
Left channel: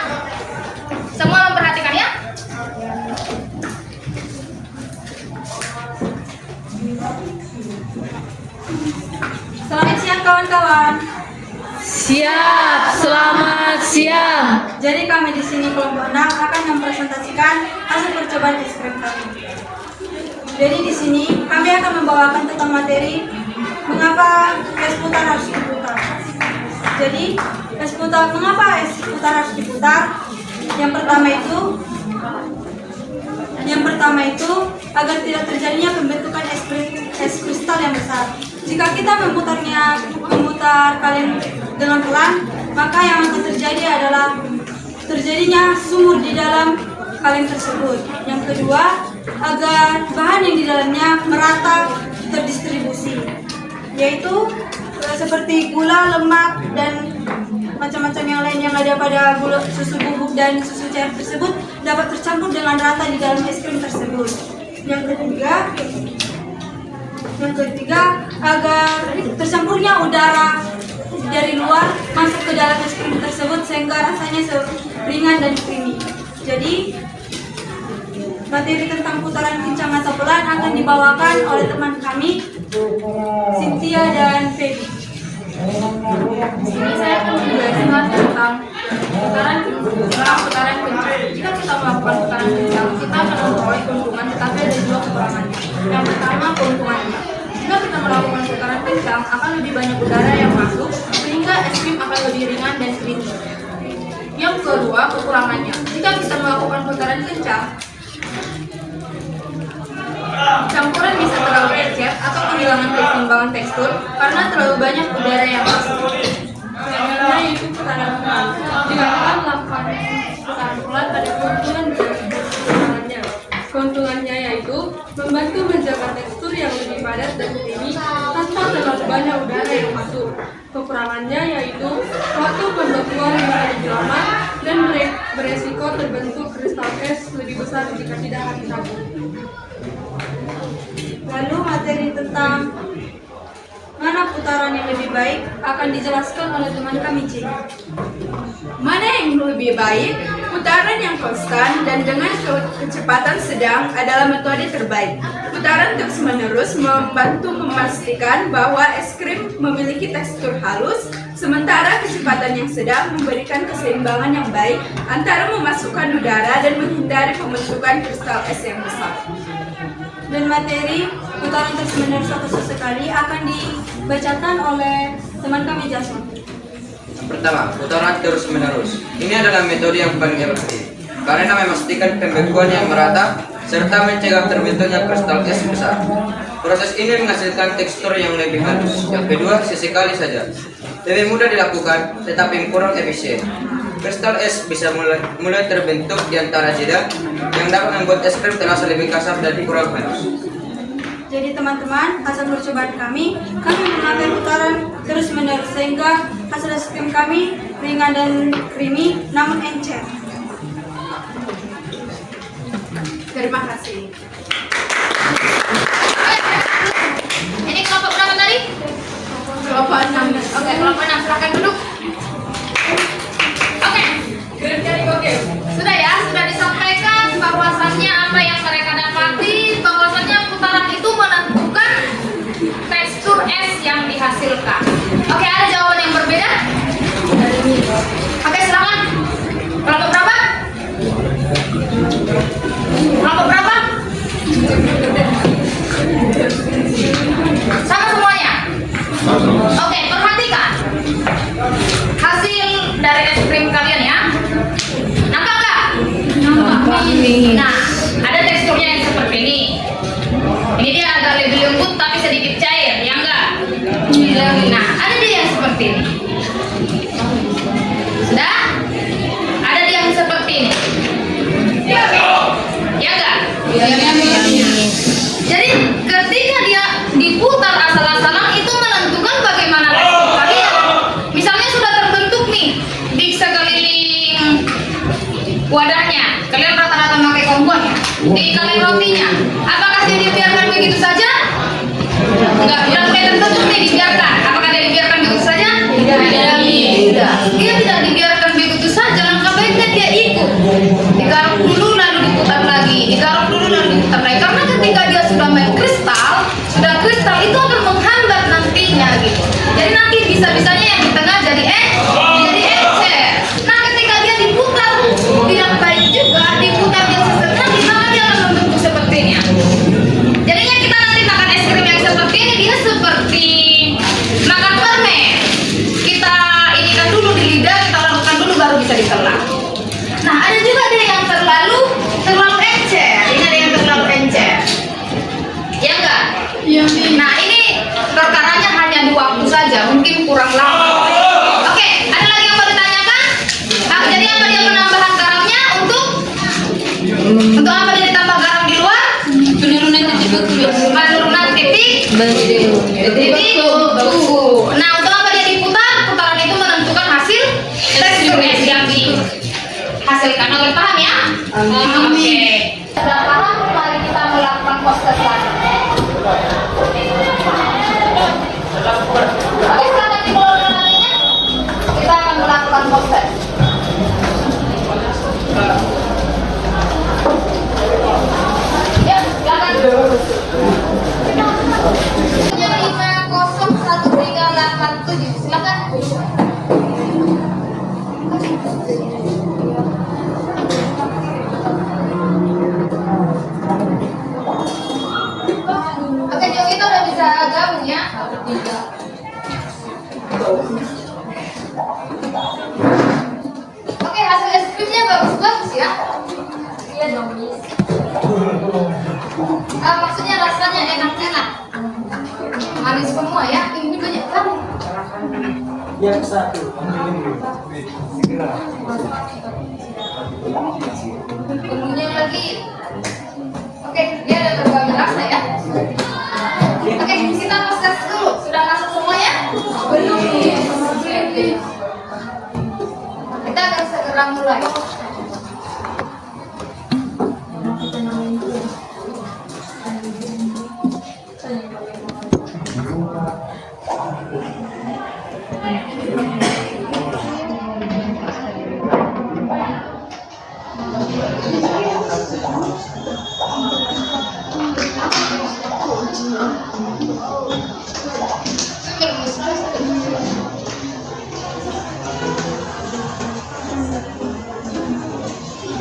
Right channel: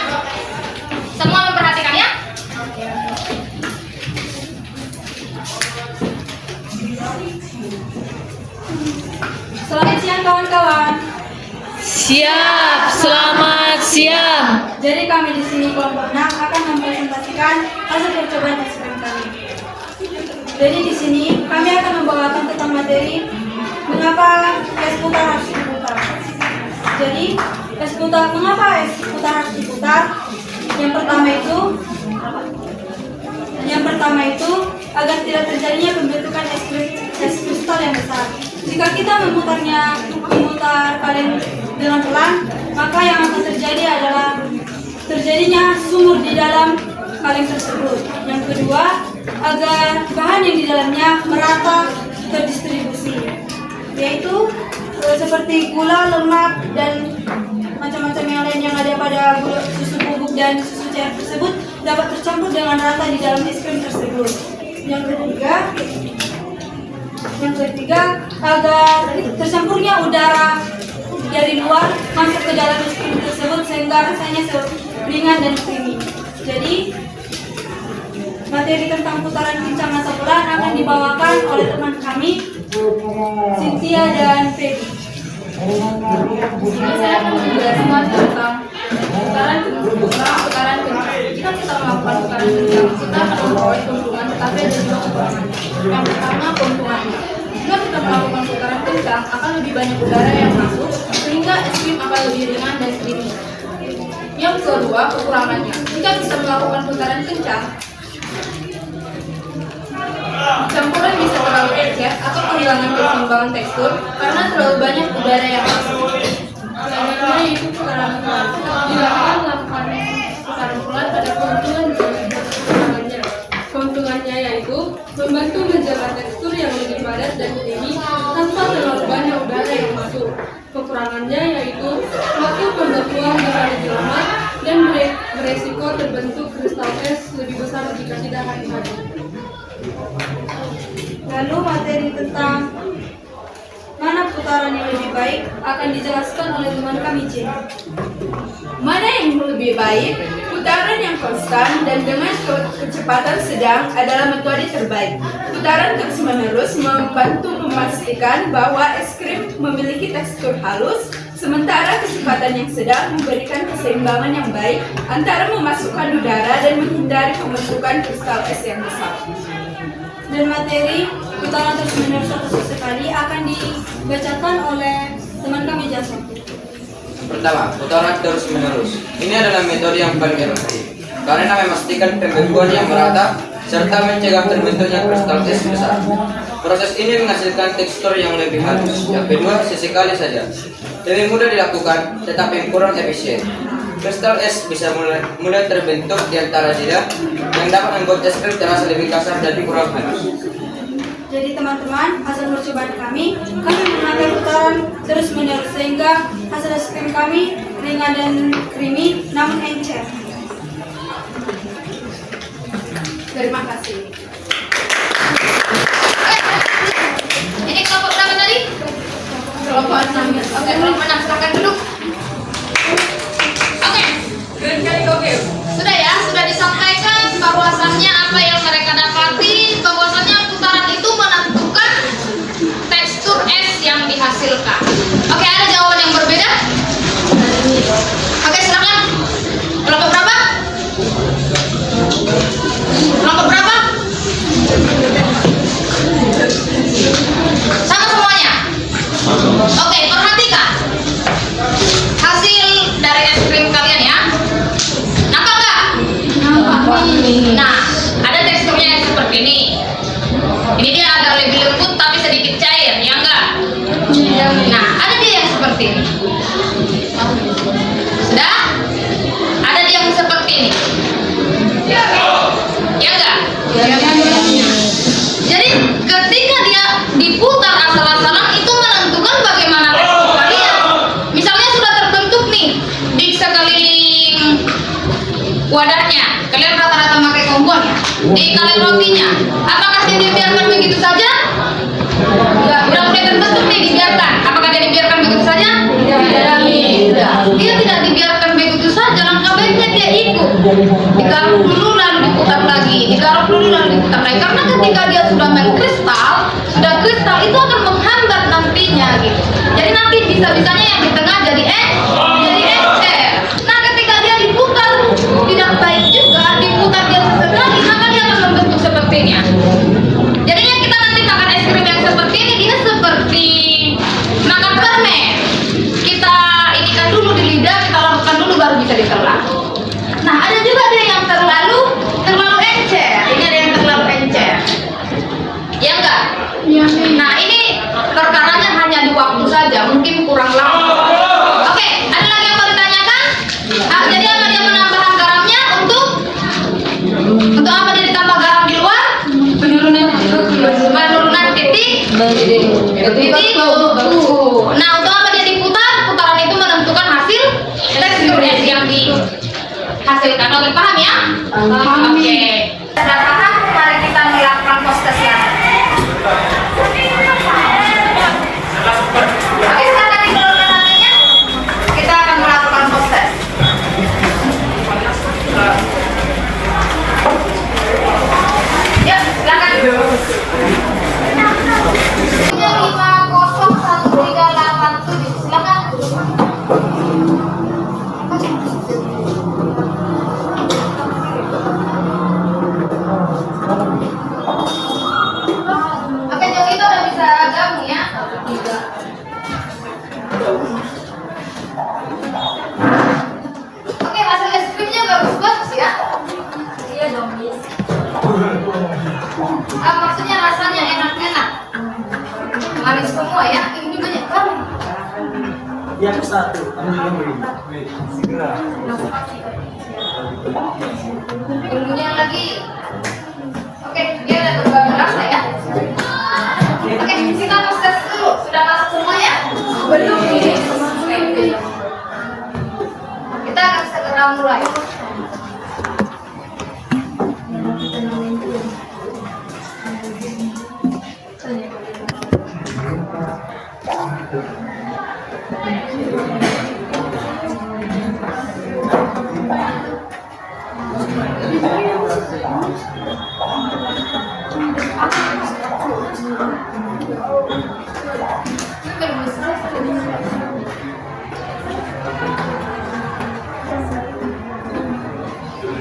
Semua memperhatikan ya. Selamat siang kawan-kawan. Siap, selamat siang. Jadi kami di sini kelompok 6 akan mempresentasikan hasil percobaan es krim kami. Jadi di sini kami akan membawakan tentang materi mengapa es putar harus diputar. Jadi mengapa es putar harus diputar? Yang pertama itu agar tidak terjadinya pembentukan es kristal yang besar. Jika kita memutar kaleng dengan pelan, maka yang akan terjadi adalah terjadinya sumur di dalam kaleng tersebut. Yang kedua, agar bahan yang di dalamnya merata terdistribusi, yaitu seperti gula, lemak, dan macam-macam yang lain yang ada pada susu bubuk dan susu cair tersebut dapat tercampur dengan rata di dalam es krim tersebut. Yang ketiga, agar tercampurnya udara dari luar masuk ke dalam es krim tersebut sehingga rasanya ringan dan creamy. Jadi materi tentang putaran kencang atau pelan akan dibawakan oleh teman kami, Cynthia dan Feby. Di sini saya akan menjelaskan tentang putaran kencang. Jika kita melakukan putaran kencang, kita akan memperoleh keuntungan, tetapi ada juga kekurangannya. Yang pertama, keuntungannya. Jika kita melakukan putaran kencang, akan lebih banyak udara yang masuk, sehingga es krim akan lebih ringan dan creamy. Yang kedua, kekurangannya. Jika kita melakukan putaran kencang, campuran bisa terlalu encer atau kehilangan keseimbangan tekstur karena terlalu banyak udara yang masuk. Selanjutnya yaitu putaran pelan. Jika kita melakukan putaran pelan, ada keuntungan dan kekurangannya. Keuntungannya yaitu membantu menjaga tekstur yang lebih padat dan creamy tanpa terlalu banyak udara yang masuk. Kekurangannya yaitu waktu pembekuan bisa lebih lama dan beresiko terbentuk kristal es lebih besar jika tidak hati-hati. Lalu materi tentang mana putaran yang lebih baik akan dijelaskan oleh teman kami, Jin. Mana yang lebih baik? Putaran yang konstan dan dengan kecepatan sedang adalah metode terbaik. Putaran terus-menerus membantu memastikan bahwa es krim memiliki tekstur halus, sementara kecepatan yang sedang memberikan keseimbangan yang baik antara memasukkan udara dan menghindari pembentukan kristal es yang besar. Dan materi putaran terus-menerus atau sesekali akan dibacakan oleh teman kami, Jason. Pertama, putaran terus-menerus. Ini adalah metode yang paling efektif karena memastikan pembekuan yang merata serta mencegah terbentuknya kristal es besar. Proses ini menghasilkan tekstur yang lebih halus. Yang kedua, sesekali saja. Lebih mudah dilakukan, tetapi kurang efisien. Kristal es bisa mulai terbentuk di antara jeda yang dapat membuat es krim terasa lebih kasar dan kurang halus. Jadi teman-teman, hasil percobaan kami memakai putaran terus-menerus sehingga hasil es krim kami ringan dan creamy namun encer. Terima kasih. Ini kelompok berapa tadi? Kelompok 6. Oke, kelompok 6 silakan duduk. Oke. Sudah disampaikan bahwasannya apa yang mereka dapati, bahwasannya putaran itu menentukan tekstur es yang dihasilkan. Oke, ada jawaban yang berbeda? Oke, silakan. Kelompok berapa? Kelompok berapa? Sama semuanya? Oke, perhatikan hasil dari es krim kalian ya. Nampak nggak? Nampak. Nah, ada teksturnya yang seperti ini. Ini dia agak lebih lembut tapi sedikit cair, ya enggak? Nah, ada dia yang seperti ini. Sudah? Ada dia yang seperti ini. Ya enggak? Jadi ketika dia diputar asal-asalan itu menentukan bagaimana tekstur kalian. Misalnya sudah terbentuk nih di sekeliling wadahnya, kalian rata-rata pakai kompor ya. Di kaleng rotinya, apakah dia dibiarkan begitu saja? Enggak, udah mulai terbentuk nih dibiarkan. Apakah dia dibiarkan begitu saja? Tidak. Dia tidak dibiarkan begitu saja. Langkah baiknya dia ikut. Digaruk dulu lalu diputar lagi. Digaruk dulu lalu diputar lagi. Karena ketika dia sudah main kristal, sudah kristal itu akan menghambat nantinya gitu. Jadi nanti bisa-bisanya yang di tengah jadi encer. Nah ketika dia diputar tidak baik juga, diputar dia sesekali, maka dia akan membentuk sepertinya. Jadinya kita nanti makan es krim yang seperti ini, dia seperti makan permen. Kita inikan dulu di lidah, kita lakukan dulu baru bisa ditelan. Nah ada juga dia yang terlalu encer. Ini ada yang terlalu encer. Ya enggak? Iya. Nah ini perkaranya hanya di waktu saja, mungkin kurang lama. Oke, ada lagi yang mau ditanyakan? Jadi apa dia penambahan garamnya untuk apa dia ditambah garam di luar? Penurunan titik beku. Penurunan titik beku. Nah untuk apa dia diputar? Putaran itu menentukan hasil tekstur yang dihasilkan. Oke, paham ya? Oke. Sudah paham? Mari kita melakukan proses ya. Oke, silakan dikeluarkan nantinya. Kita akan melakukan proses. Ya, silakan. 50137, silakan. Oke, yang itu udah bisa gabung ya. Oke, hasil es krimnya bagus-bagus ya. Iya dong, Miss. Maksudnya rasanya enak-enak. Manis semua ya. Ini banyak kan? Yang satu, Bumbunya lagi. Oke, dia ada berbagai rasa ya. Oke, kita proses dulu. Sudah masuk semua ya? Belum. Kita akan segera mulai.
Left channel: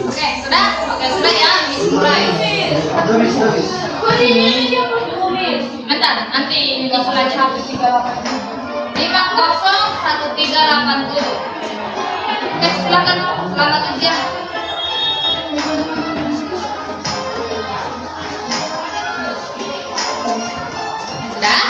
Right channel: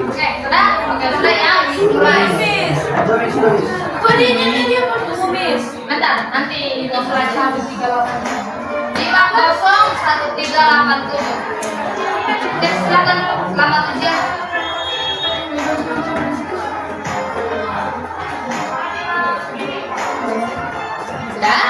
Oke, sudah? Oke, sudah ya. Mulai. Bentar, nanti nyusul aja. 50137. Oke, silakan selamat ujian. Sudah?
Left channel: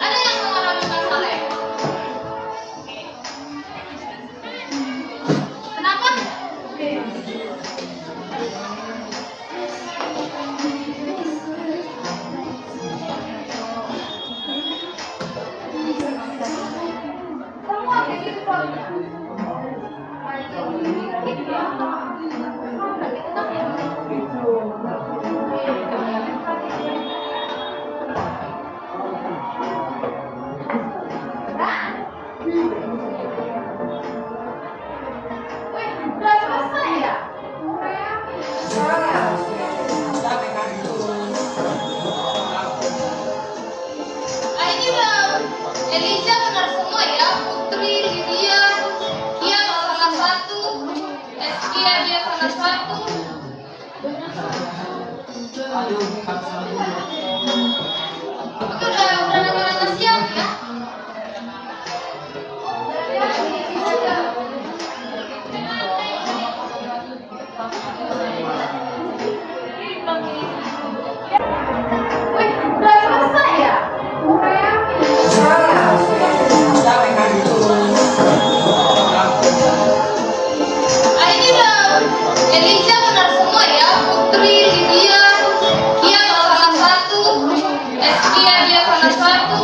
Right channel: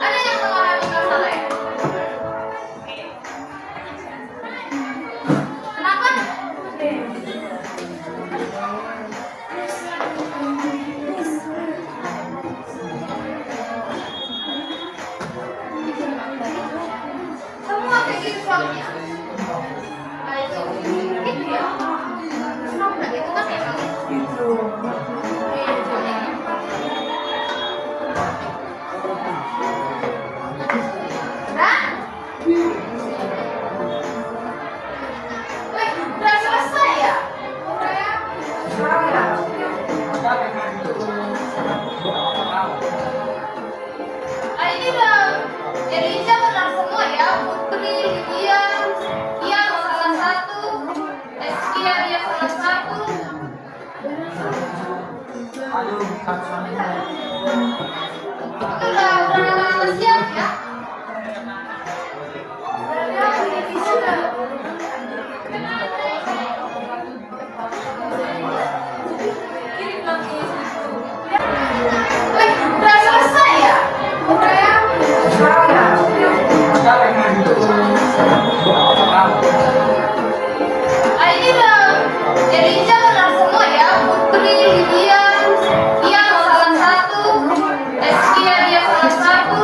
Ada yang mengalami masalah ya? Kenapa? Semua bikin vlognya. Gitu ya. Senang banget itu kan emang. Wih, udah selesai ya? Ah, ini udah Elisa benar semua ya. Putri, Lydia, Kia salah satu, Eskia dia salah satu. Oke, udah nama-nama siap ya? Wih, udah selesai ya? Ah, ini udah Elisa benar semua ya. Putri, Lydia, Kia salah satu, Eskia dia salah satu.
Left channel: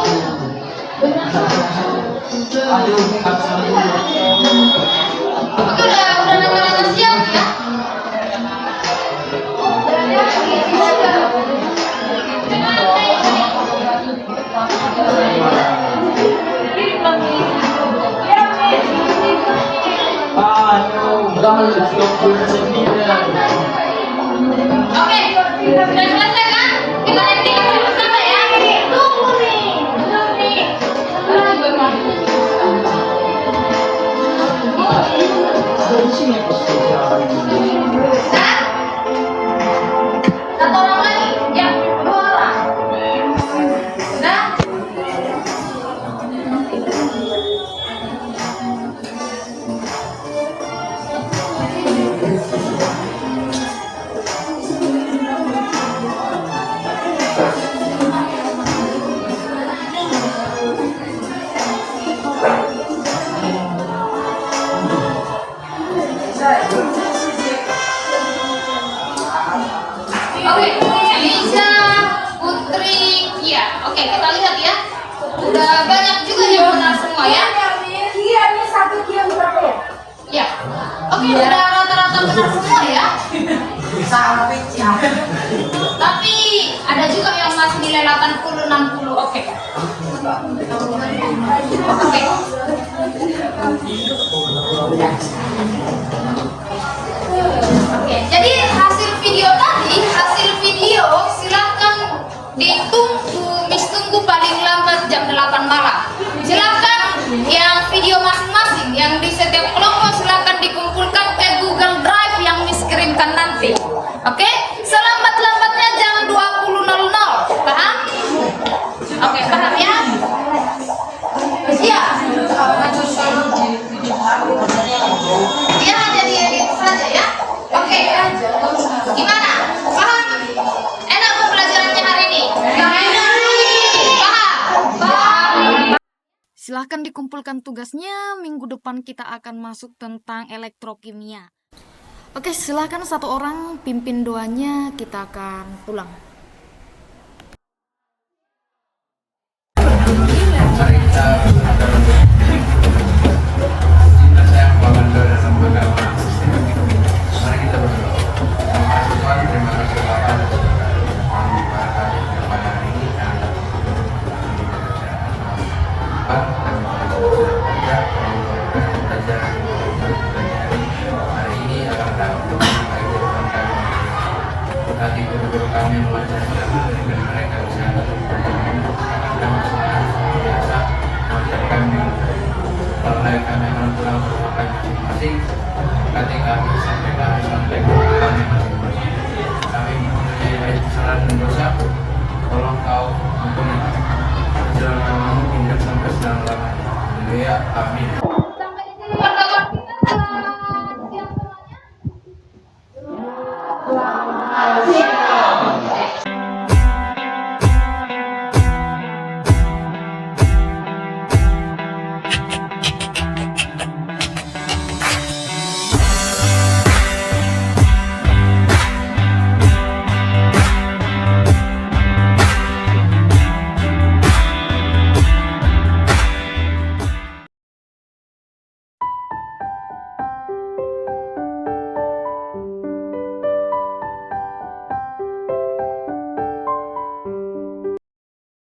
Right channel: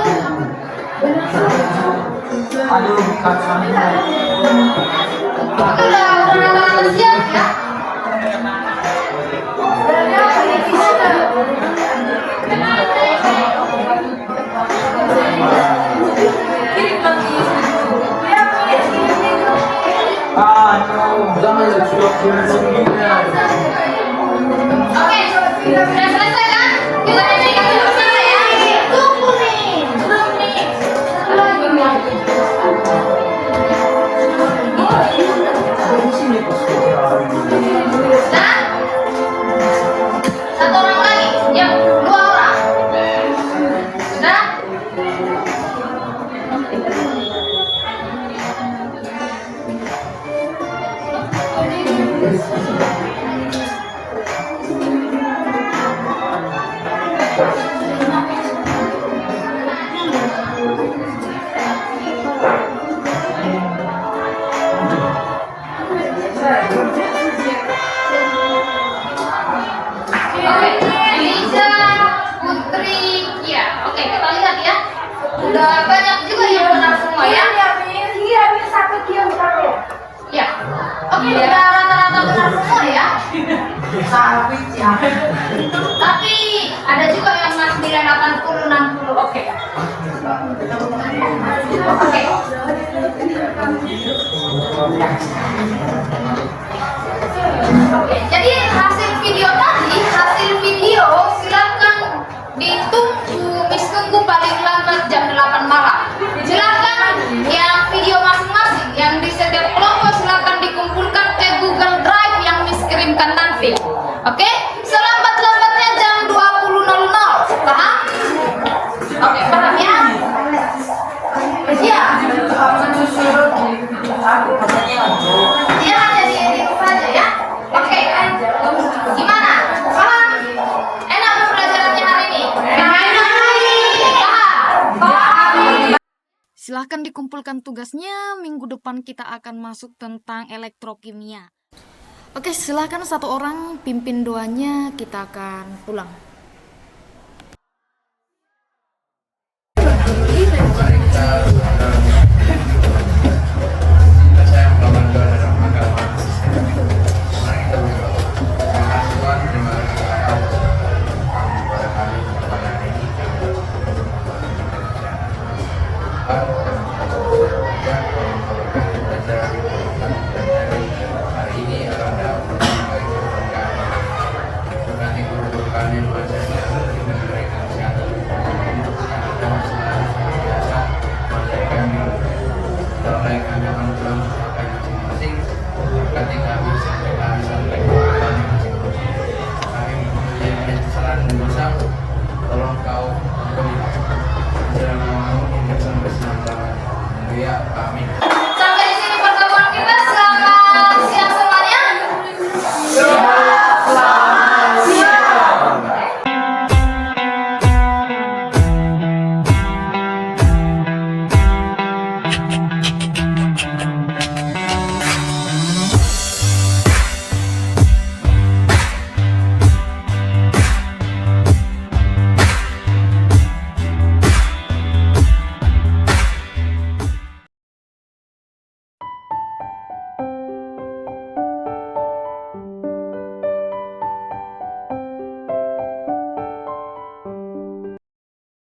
Oke, udah nama-nama siap ya? Oke, sudah selesai kan? Kita eksplikasi bersama ya. Tunggu nih, belum nih. Nah, satu orang lagi, yang dua orang. Sudah? Oke, Elisa, Putri, Kia. Oke, kita lihat ya. Udah banyak juga yang benar semua ya. Ya. Oke, udah rata-rata benar semua ya. Tapi ada juga yang masih nilai 80, 60. Oke. Oke. Oke, jadi hasil video tadi, silakan ditunggu, Miss tunggu paling lambat jam 8 malam. Silakan yang video masing-masing yang di setiap kelompok silakan dikumpulkan ke Google Drive yang Miss kirimkan nanti. Oke? Selambat-lambatnya jam 20.00. Paham? Oke, paham ya? Iya. Dia hanya di itu saja ya. Oke. Gimana? Paham? Enak pembelajarannya hari ini? Paham? Silahkan dikumpulkan tugasnya, minggu depan kita akan masuk tentang elektrokimia. Oke, silahkan satu orang pimpin doanya, kita akan pulang. Mari kita saya membangun doa dalam agama. Mari kita berdoa. Terima kasih Tuhan, terima kasih Bapak yang membawa kami pada hari ini. Pak, terima kasih ya belajar hari ini akan dapat bagi kami. Berkati guru-guru kami mengajarkan dengan mereka bisa dan biasa mengajar kami. Kalau kami akan pulang sampai masing-masing, ketika kami sampai kami masing-masing. Kami mempunyai kesalahan dan dosa. Tolong kau ampuni kami. Jangan hingga sampai selama-lamanya. Haleluya. Amin.